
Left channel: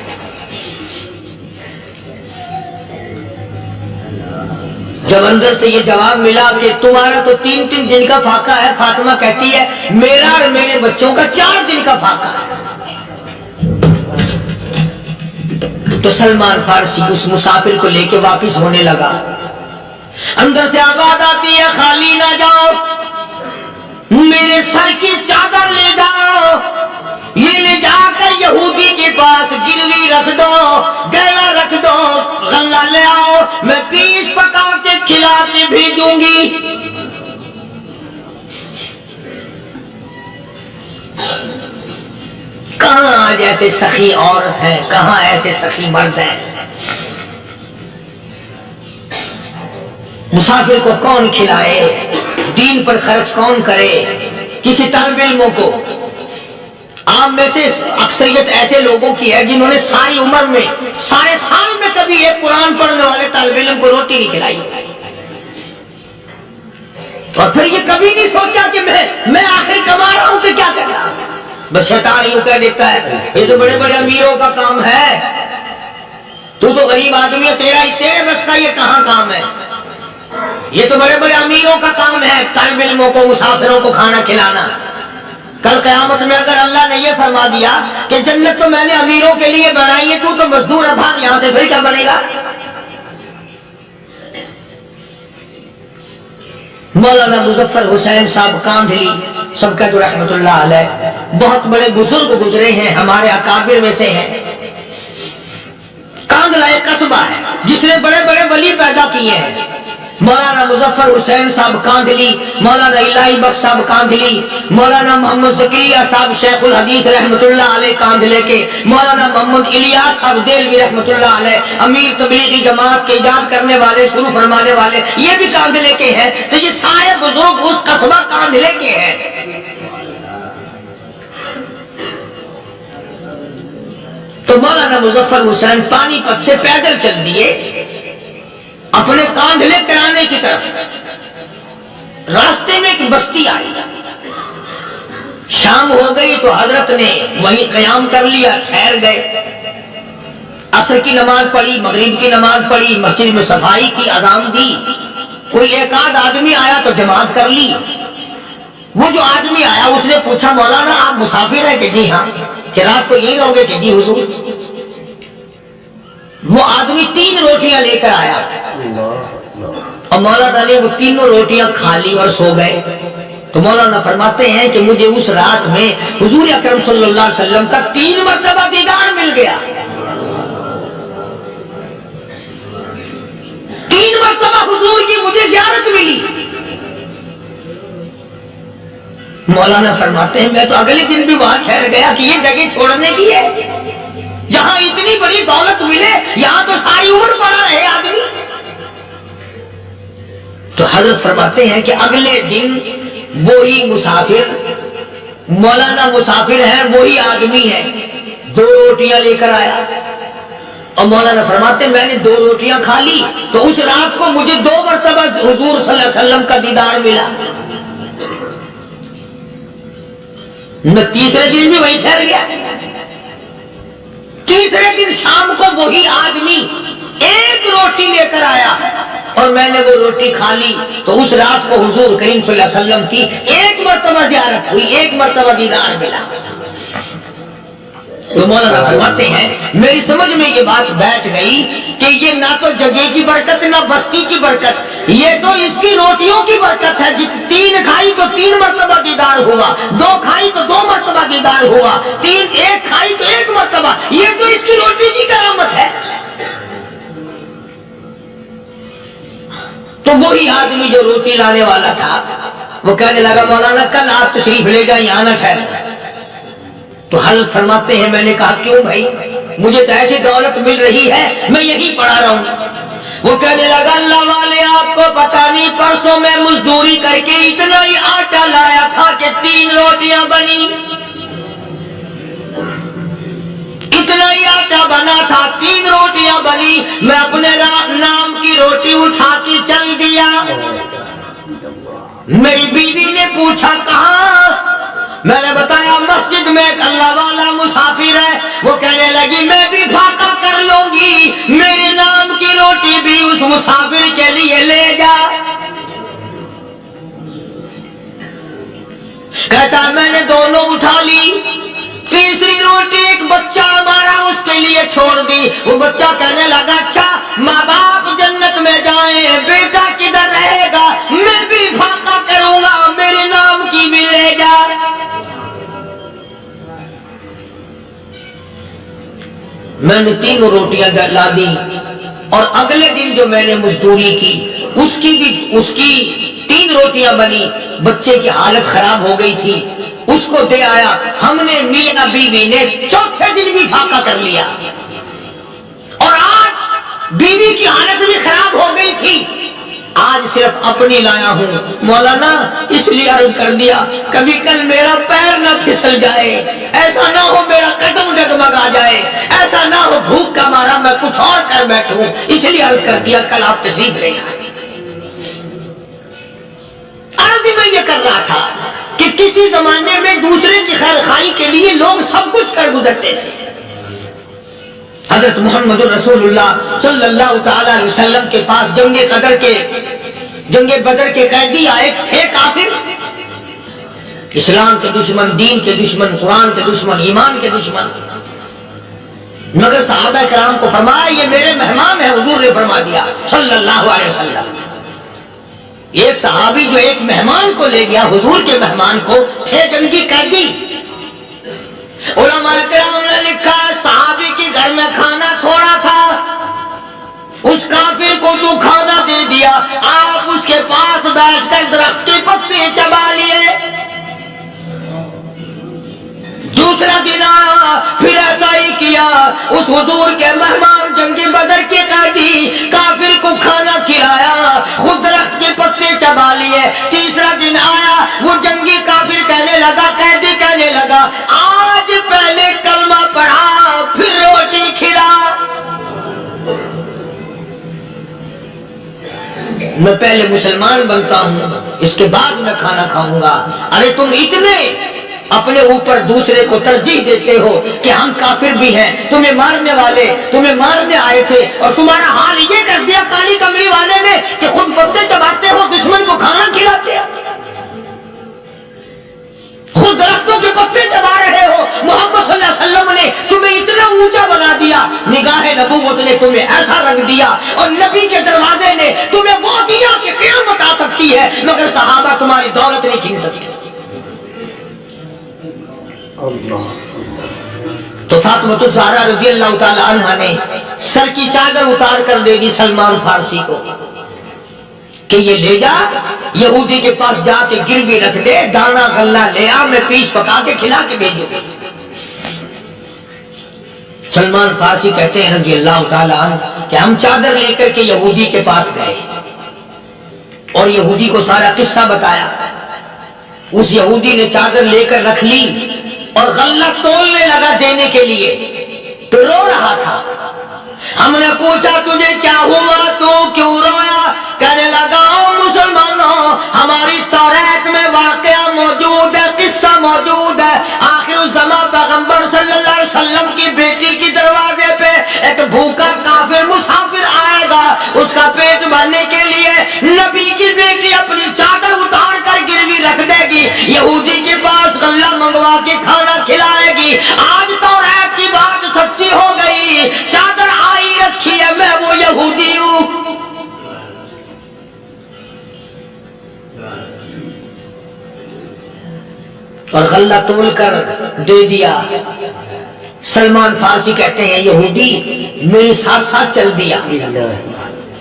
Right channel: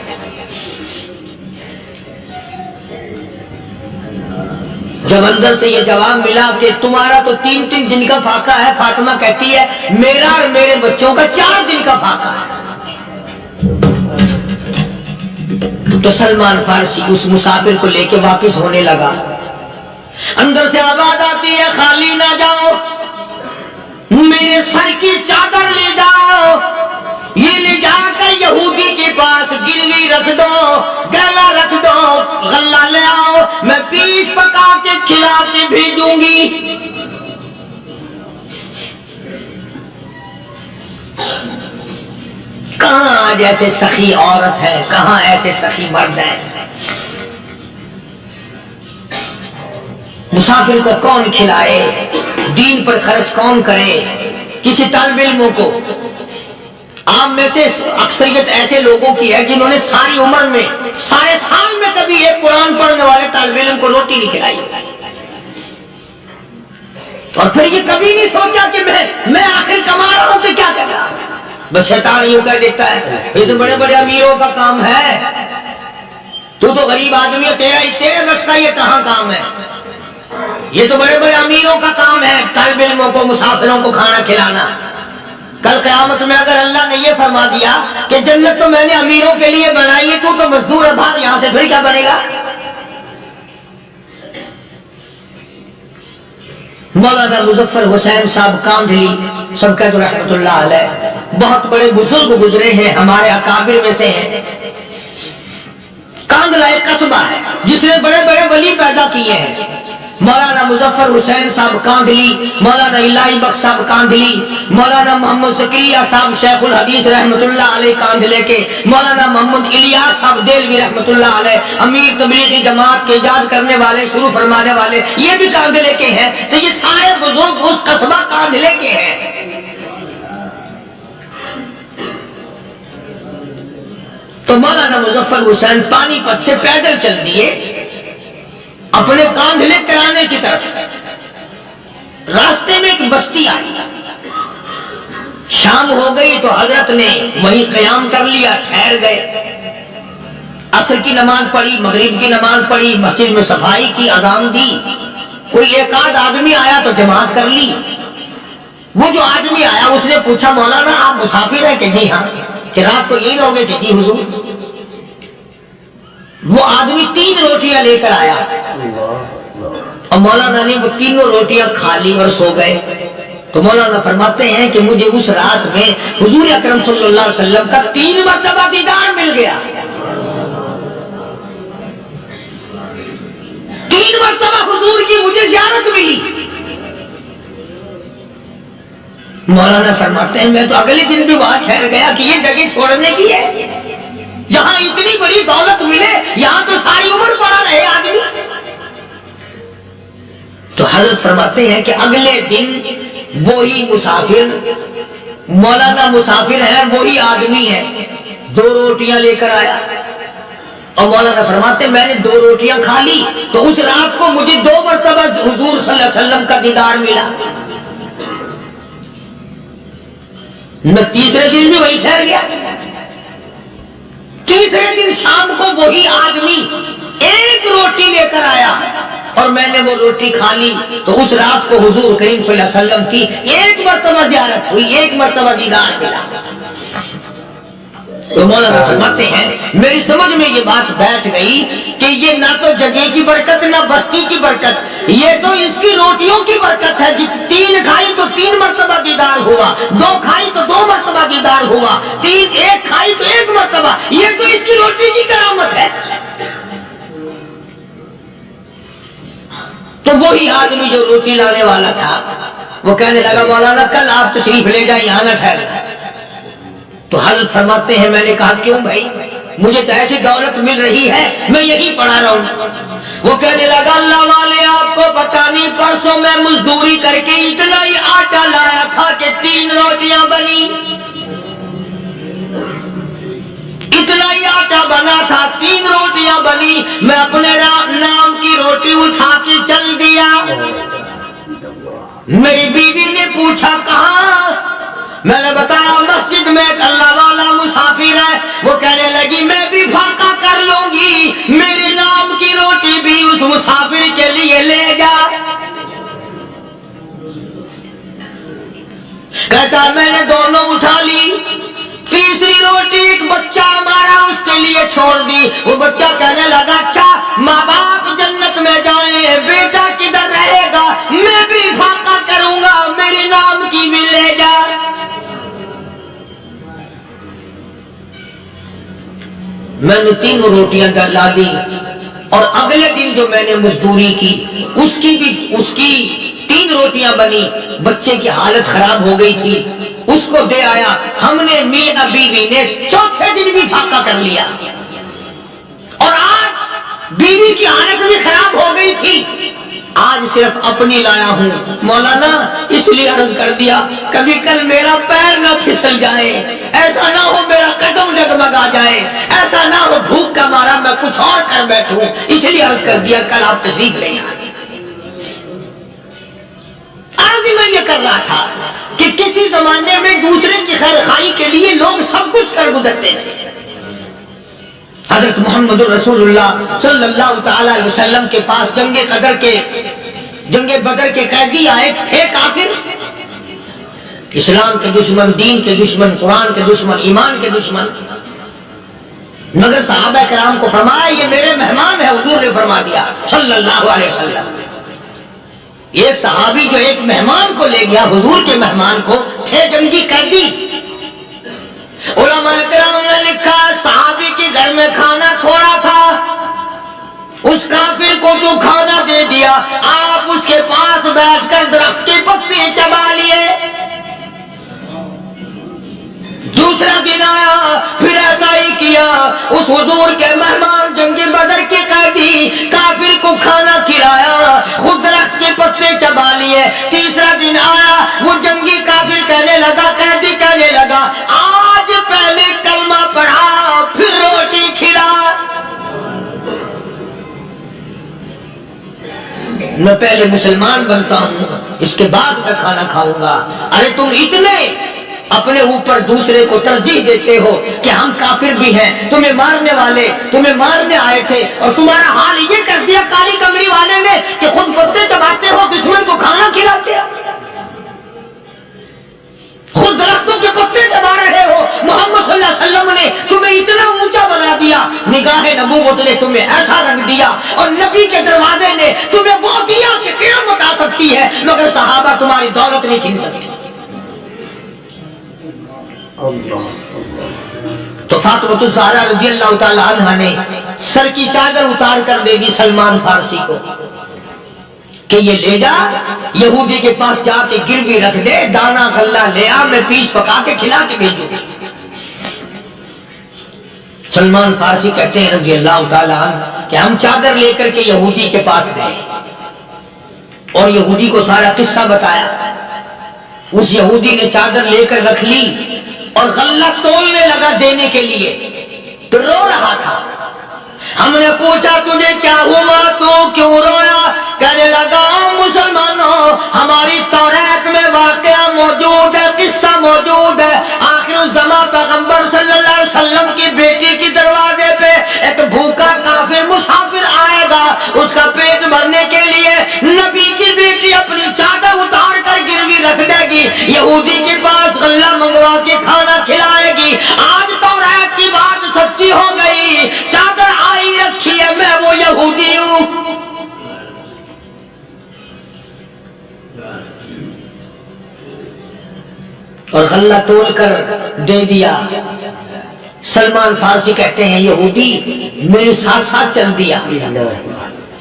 جب اندر سے یہ جواب ملا کہ تمہارا تو 3 دن کا فاقہ ہے، فاطمہ کہتی ہے میرا اور میرے بچوں کا 4 دن کا فاقہ ہے، تو سلمان فارسی اس مسافر کو لے کے واپس ہونے لگا۔ اندر سے آواز آتی ہے، خالی نہ جاؤ، میرے سر کی چادر لے جاؤ، یہ لے جا کر یہودی کے پاس گروی رکھ دو، گلا رکھ دو، غلہ لے آؤ، میں پیس پکا کے کھلا کے بھیجوں گی۔ کہاں آج ایسے سخی عورت ہیں، کہاں ایسے سخی مرد ہیں؟ مسافر کو کون کھلائے، دین پر خرچ کون کرے؟ کسی طالب علموں کو، عام میں سے اکثریت ایسے لوگوں کی ہے جنہوں نے ساری عمر میں، سارے سال میں کبھی ایک قرآن پڑھنے والے طالب علم کو روٹی نہیں کھلائی، اور پھر یہ کبھی نہیں سوچا کہ میں آخر کما رہا ہوں تو کیا کر رہا ہوں۔ بس شیطان یوں کہہ دیتا ہے یہ تو بڑے بڑے امیروں کا کام ہے، تو غریب آدمی ہے، تیرے بس کا یہ کہاں کام ہے؟ یہ تو بڑے بڑے امیروں کا کام ہے طالب علموں کو، مسافروں کو کھانا کھلانا۔ کل قیامت میں اگر اللہ نے یہ فرما دیا کہ جنت تو میں نے امیروں کے لیے بنائی ہے، تو مزدور ہے، بھاگ یہاں سے، پھر کیا بنے گا؟ مولانا مظفر حسین صاحب کاندھلی سب کا تو رحمت اللہ علیہ بہت بڑے بزرگ گزرے ہیں، ہمارے اکابر میں سے ہیں۔ کاندھلا ایک قصبہ ہے جس نے بڑے بڑے ولی پیدا کیے ہیں۔ مولانا مظفر حسین صاحب کاندھلی، مولانا الہی بخش صاحب کاندھلی، مولانا محمد زکریا صاحب شیخ الحدیث رحمت اللہ علیہ کاندھلے کے، مولانا محمد الیاس صاحب دیلوی رحمت اللہ علیہ امیر تبلیغی جماعت کے ایجاد کرنے والے، شروع فرمانے والے، یہ بھی کاندھلے کے ہیں۔ تو یہ سارے بزرگ اس قصبہ کاندھلے کے ہیں۔ تو مولانا مظفر حسین پانی پت سے پیدل چل دیے اپنے کاندھلے کرانے کی طرف۔ راستے میں ایک بستی آئی، شام ہو گئی تو حضرت نے وہیں قیام کر لیا، ٹھہر گئے۔ عصر کی نماز پڑھی، مغرب کی نماز پڑھی، مسجد میں صفائی کی، اذان دی۔ کوئی ایک آدھ آدمی آیا تو جماعت کر لی۔ وہ جو آدمی آیا اس نے پوچھا مولانا آپ مسافر ہیں کہ جی ہاں، کہ رات کو یہی رہو گے کہ جی حضور۔ وہ آدمی 3 روٹیاں لے کر آیا اور مولانا نے وہ تینوں روٹیاں کھا لی اور سو گئے۔ تو مولانا فرماتے ہیں کہ مجھے اس رات میں حضور اکرم صلی اللہ علیہ وسلم کا 3 مرتبہ دیدار مل گیا۔ 3 مرتبہ حضور کی مجھے زیارت ملی۔ مولانا فرماتے ہیں میں تو اگلے دن بھی وہاں ٹھہر گیا کہ یہ جگہ چھوڑنے کی ہے، جہاں اتنی بڑی دولت ملے یہاں تو ساری عمر پڑا رہے آدمی۔ تو حضرت فرماتے ہیں کہ اگلے دن وہی مسافر، مولانا مسافر ہیں، وہی آدمی ہے، 2 روٹیاں لے کر آیا اور مولانا فرماتے ہیں میں نے 2 روٹیاں کھا لی تو اس رات کو مجھے 2 مرتبہ حضور صلی اللہ علیہ وسلم کا دیدار ملا۔ میں تیسرے دن بھی وہی ٹھہر گیا۔ تیسرے دن شام کو وہی آدمی 1 روٹی لے کر آیا اور میں نے وہ روٹی کھا لی تو اس رات کو حضور کریم صلی اللہ علیہ وسلم کی 1 مرتبہ زیارت ہوئی، 1 مرتبہ دیدار ملا۔ تو مولانا فرماتے ہیں میری سمجھ میں یہ بات بیٹھ گئی کہ یہ نہ تو جگہ کی برکت نہ بستی کی برکت، یہ تو اس کی روٹیوں کی برکت ہے۔ 3 کھائی تو 3 مرتبہ دیدار ہوا، 2 کھائی تو 2 مرتبہ دیدار ہوا، 1 کھائی تو 1 مرتبہ، یہ تو اس کی روٹی کی کرامت ہے۔ تو وہی آدمی جو روٹی لانے والا تھا وہ کہنے لگا مولانا کل آپ تشریف لے جائیں، یہاں نہ ٹھہرنا۔ تو حضرت فرماتے ہیں میں نے کہا کیوں بھائی، مجھے تو ایسی دولت مل رہی ہے میں یہی پڑھا رہا ہوں۔ وہ کہنے لگا اللہ والے آپ کو پتہ نہیں پرسوں میں مزدوری کر کے اتنا ہی آٹا لایا تھا کہ 3 روٹیاں بنی، اتنا ہی آٹا بنا تھا 3 روٹیاں بنی، میں اپنے نام کی روٹی اٹھا کے چل دیا۔ میری بیوی نے پوچھا کہاں؟ میں نے بتایا مسجد میں ایک اللہ والا مسافر ہے۔ وہ کہنے لگی میں بھی فاقہ کر لوں گی، میرے نام کی روٹی بھی اس مسافر کے لیے لے جا۔ کہتا میں نے دونوں اٹھا لی، تیسری روٹی ایک بچہ ہمارا اس کے لیے چھوڑ دی۔ وہ بچہ کہنے لگا اچھا ماں باپ جنت میں جائیں، بیٹا کدھر رہے گا؟ میں بھی فاقہ کروں گا، میرے نام کی بھی لے جا۔ میں نے 3 روٹیاں لا دی اور اگلے دن جو میں نے مزدوری کی اس کی 3 روٹیاں بنی۔ بچے کی حالت خراب ہو گئی تھی، اس کو دے آیا۔ ہم نے میاں بیوی نے چوتھے دن بھی فاقہ کر لیا اور آج بیوی کی حالت بھی خراب ہو گئی تھی، آج صرف اپنی لایا ہوں۔ مولانا اس لیے عرض کر دیا کبھی کل میرا پیر نہ پھسل جائے، ایسا نہ ہو میرا قدم ڈگمگا جائے، ایسا نہ ہو بھوک کا مارا میں کچھ اور کر بیٹھوں، اس لیے عرض کر دیا کل آپ تشریف لے آئیں۔ عرض میں یہ کر رہا تھا کہ کسی زمانے میں دوسرے کی خیر خواہی کے لیے لوگ سب کچھ کر گزرتے تھے۔ حضرت محمد رسول اللہ صلی اللہ تعالی علیہ وسلم کے پاس جنگ بدر کے قیدی آئے تھے، کافر، اسلام کے دشمن، دین کے دشمن، قرآن کے دشمن، ایمان کے دشمن، مگر صحابہ کرام کو فرمایا یہ میرے مہمان ہیں۔ حضور نے فرما دیا صلی اللہ علیہ وسلم ایک صحابی جو ایک مہمان کو لے گیا، حضور کے مہمان کو، تھے جنگی قیدی. علماء کرام نے لکھا صحابی کے گھر میں کھانا تھوڑا تھا، اس کافر کو تو کھانا دے دیا، آپ اس کے پاس بیٹھ کر درخت کے پتے چبا لیے. دوسرا دن آیا، پھر ایسا ہی کیا، اس حضور کے مہمان جنگ بدر کے قیدی کافر کو کھانا کھلایا، خود درخت کے پتے چبا لیے. تیسرا دن آیا، وہ جنگی کافر کہنے لگا، قیدی کہنے لگا، آج پہلے کلمہ پڑھا پھر روٹی کھلا. میں پہلے مسلمان بنتا ہوں، اس کے بعد میں کھانا کھاؤں گا. ارے تم اتنے اپنے اوپر دوسرے کو ترجیح دیتے ہو کہ ہم کافر بھی ہیں، تمہیں مارنے والے تمہیں مارنے آئے تھے، اور تمہارا حال یہ کر دیا کالی کمری والے نے کہ خود پتے چباتے ہو، دشمن کو کھانا کھلاتے ہو، خود درختوں کے پتے چبا رہے ہو. محمد صلی اللہ علیہ وسلم نے تمہیں اتنا اونچا بنا دیا، نگاہ نبوت نے تمہیں ایسا رنگ دیا، اور نبی کے دروازے نے تمہیں وہ دیا کہ قیامت آ سکتی ہے، مگر صحابہ تمہاری دولت نہیں چھین سکتے. تو فاطمہ الزہرا رضی اللہ تعالی عنہا نے سر کی چادر اتار کر دے دی سلمان فارسی کو کہ یہ لے جا، یہودی کے پاس جا کے گروی رکھ دے، دانا غلہ لے آ، میں پیش پکا کے کھلا کے بھیجوں. سلمان فارسی کہتے ہیں رضی اللہ تعالی عنہ کہ ہم چادر لے کر کے یہودی کے پاس گئے اور یہودی کو سارا قصہ بتایا. اس یہودی نے چادر لے کر رکھ لی اور غلہ تولنے لگا دینے کے لیے، تو رو رہا تھا. ہم نے پوچھا تجھے کیا ہوا، تو کیوں رویا؟ کہنے لگا مسلمانوں، ہماری توریت میں واقعہ موجود ہے، قصہ موجود ہے. آخر الزمان پیغمبر صلی اللہ علیہ وسلم کی بیٹی کی دروازے پہ ایک بھوکا کافر مسافر آئے گا، اس کا پیٹ بھرنے کے لیے نبی کی بیٹی اپنی چادر اتار کر گروی رکھ دے گی، یہودی کے پاس غلہ منگوا کے کھانا کھلائے گی. آج توریت کی بات سچی ہو گئی، چادر آئی رکھی ہے، میں وہ یہودی ہوں. اور غلہ تول کر دے دیا. سلمان فارسی کہتے ہیں یہودی میرے ساتھ ساتھ چل دیا.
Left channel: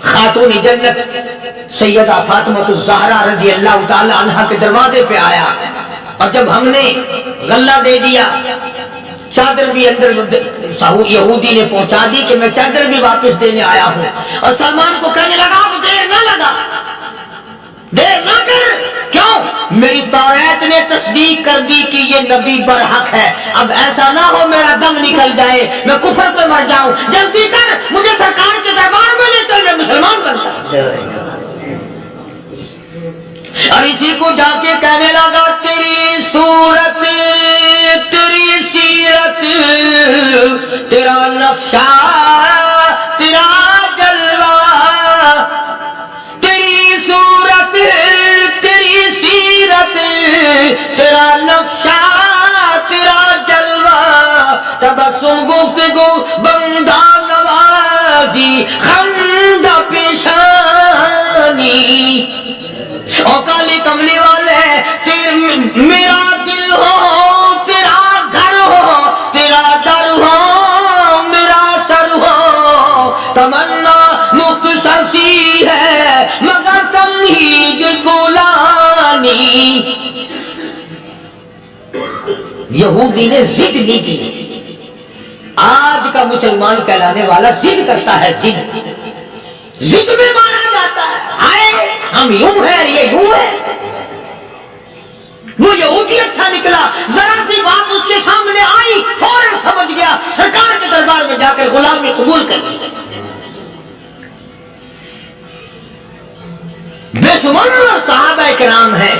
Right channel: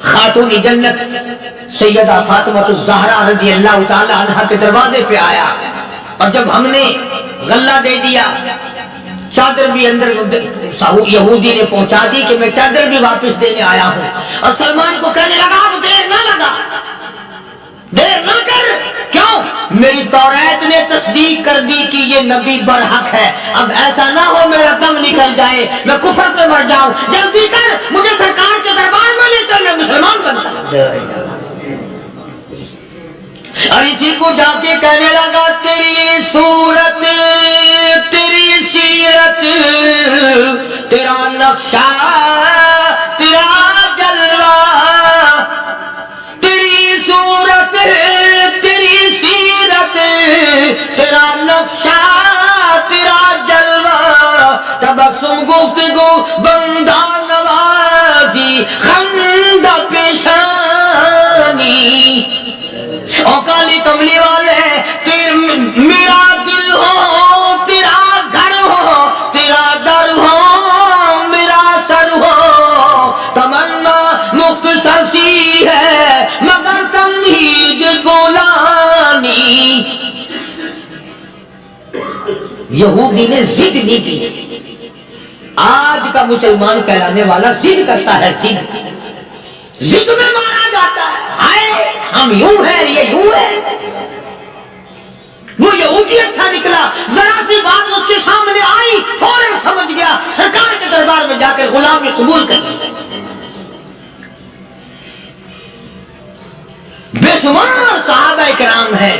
خاتون جنت سیدہ فاطمہ الزہرا رضی اللہ تعالی عنہا کے دروازے پہ آیا، اور جب ہم نے غلہ دے دیا، چادر بھی اندر یہودی نے پہنچا دی کہ میں چادر بھی واپس دینے آیا ہوں. اور سلمان کو کہنے لگا اب دیر نہ لگا، دیر نہ کر. کیوں؟ میری توریت نے تصدیق کر دی کہ یہ نبی برحق ہے. اب ایسا نہ ہو میرا دم نکل جائے، میں کفر پہ مر جاؤں. جلدی کر، مجھے سرکار کے دربار میں لے چل، میں مسلمان بنتا ہوں. اور اسی کو جا کے کہنے لگا تیری صورت، تیری سیرت، تیرا نقشہ، تیرا جلوہ، تیری صورت، تیری سیرت، تیرا نقشہ، تیرا جلوہ، تبسم گفتگو بندہ نوازی خندہ پیشانی. او کالی کملی والے میرا دل ہو، تیرا گھر ہو، تیرا در ہو، میرا سر ہو. تمنا مختصر سی ہے مگر تمہید گولانی. یہودی نے ضد نہیں کی. آج کا مسلمان کہلانے والا ضد کرتا ہے، ضد میں مارا جاتا ہے. آئے ہم یوں ہیں، یہ یوں ہے. وہ یہودی اچھا نکلا، ذرا سی بات اس کے سامنے آئی فوراً سمجھ گیا، سرکار کے دربار میں جا کر غلامی قبول کر لی. بے شمار صحابہ کرام ہیں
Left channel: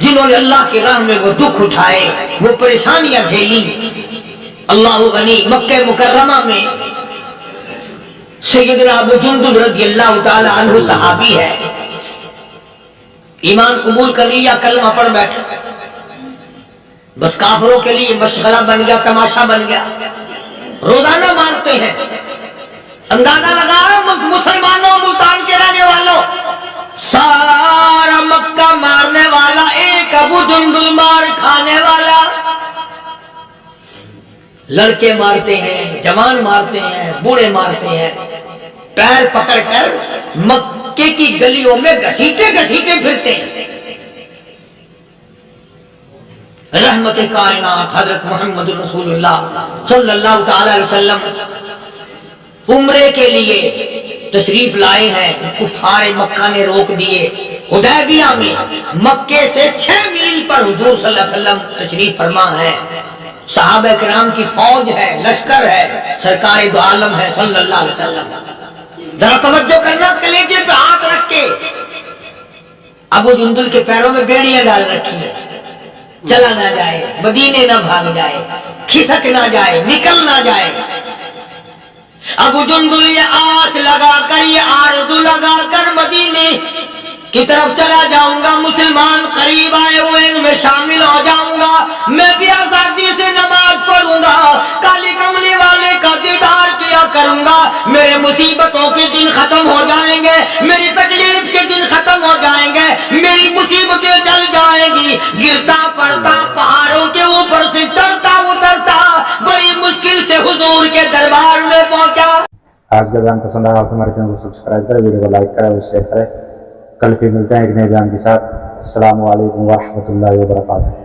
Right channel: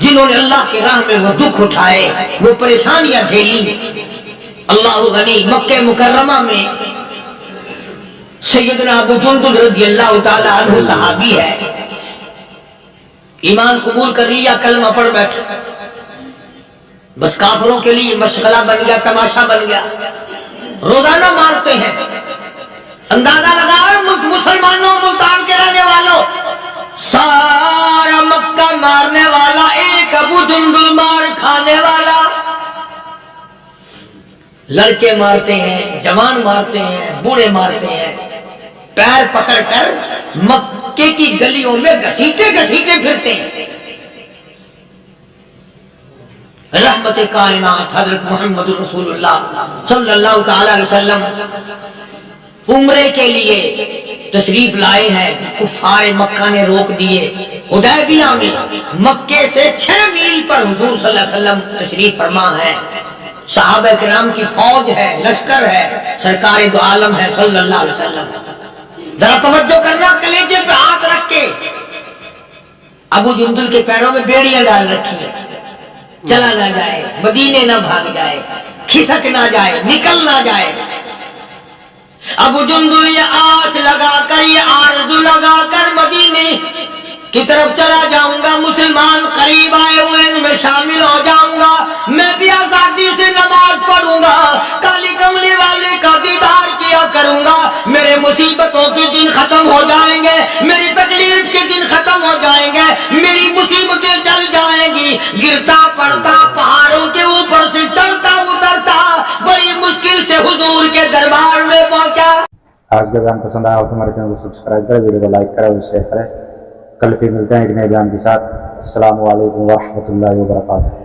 جنہوں نے اللہ کی راہ میں وہ دکھ اٹھائے، وہ پریشانیاں جھیلی. اللہ غنی مکہ مکرمہ میں سیدنا ابو جندل رضی اللہ تعالی عنہ صحابی ہے، ایمان قبول کر لیا، کلمہ پڑھ بیٹھا، بس کافروں کے لیے مشغلہ بن گیا، تماشا بن گیا. روزانہ مارتے ہیں. اندازہ لگاؤ مسلمانوں، ملتان کے رہنے والوں، جندل مار کھانے والا، لڑکے مارتے ہیں، جوان مارتے ہیں، بوڑھے مارتے ہیں، پیر پکڑ کر مکے کی گلیوں میں گھسیٹے گھسیٹے پھرتے ہیں۔ رحمت کائنات حضرت محمد رسول اللہ صلی اللہ تعالی علیہ وسلم عمرے کے لیے تشریف لائے ہیں، کفار مکہ نے روک دیے۔ حدیبیہ میں مکے سے 6 میل پر حضور صلی اللہ علیہ وسلم تشریف فرما ہے، صحابہ کرام کی فوج ہے، لشکر ہے، سرکار دو عالم ہے صلی اللہ علیہ وسلم۔ ذرا توجہ کرنا، کلیجے پہ ہاتھ رکھ کے ابو جندل کے پیروں میں بیڑیاں ڈال رکھی ہیں، چلا نہ جائے، مدینے نہ بھاگ جائے، کھسک نہ جائے، نکل نہ جائے۔ ابو جندل یہ آس لگا کر، یہ آرزو لگا کر مدینے کی طرف چلا جاؤں گا، مسلمان قریب آئے ہوئے ان میں شامل ہو جاؤں گا، میں بھی آزادی سے نماز پڑھوں گا، کالی کملی والے کا دیدار کیا کروں گا، میرے مصیبتوں کے دن ختم ہو جائیں گے، میری تکلیف کے دن ختم ہو جائیں گے، میری مصیبتیں ٹل جائیں گی۔ گرتا پڑتا پہاڑوں کے اوپر سے چڑھتا اترتا بڑی مشکل سے حضور کے دربار میں پہنچا۔ آج کا بیان پسند آیا تو ہمارے چینل کو سبسکرائب کریں، ویڈیو کو لائک کریں اور شیئر کریں۔ کل پھر ملتے ہیں ایک نئے بیان کے ساتھ۔ السلام علیکم ورحمۃ اللہ وبرکاتہ۔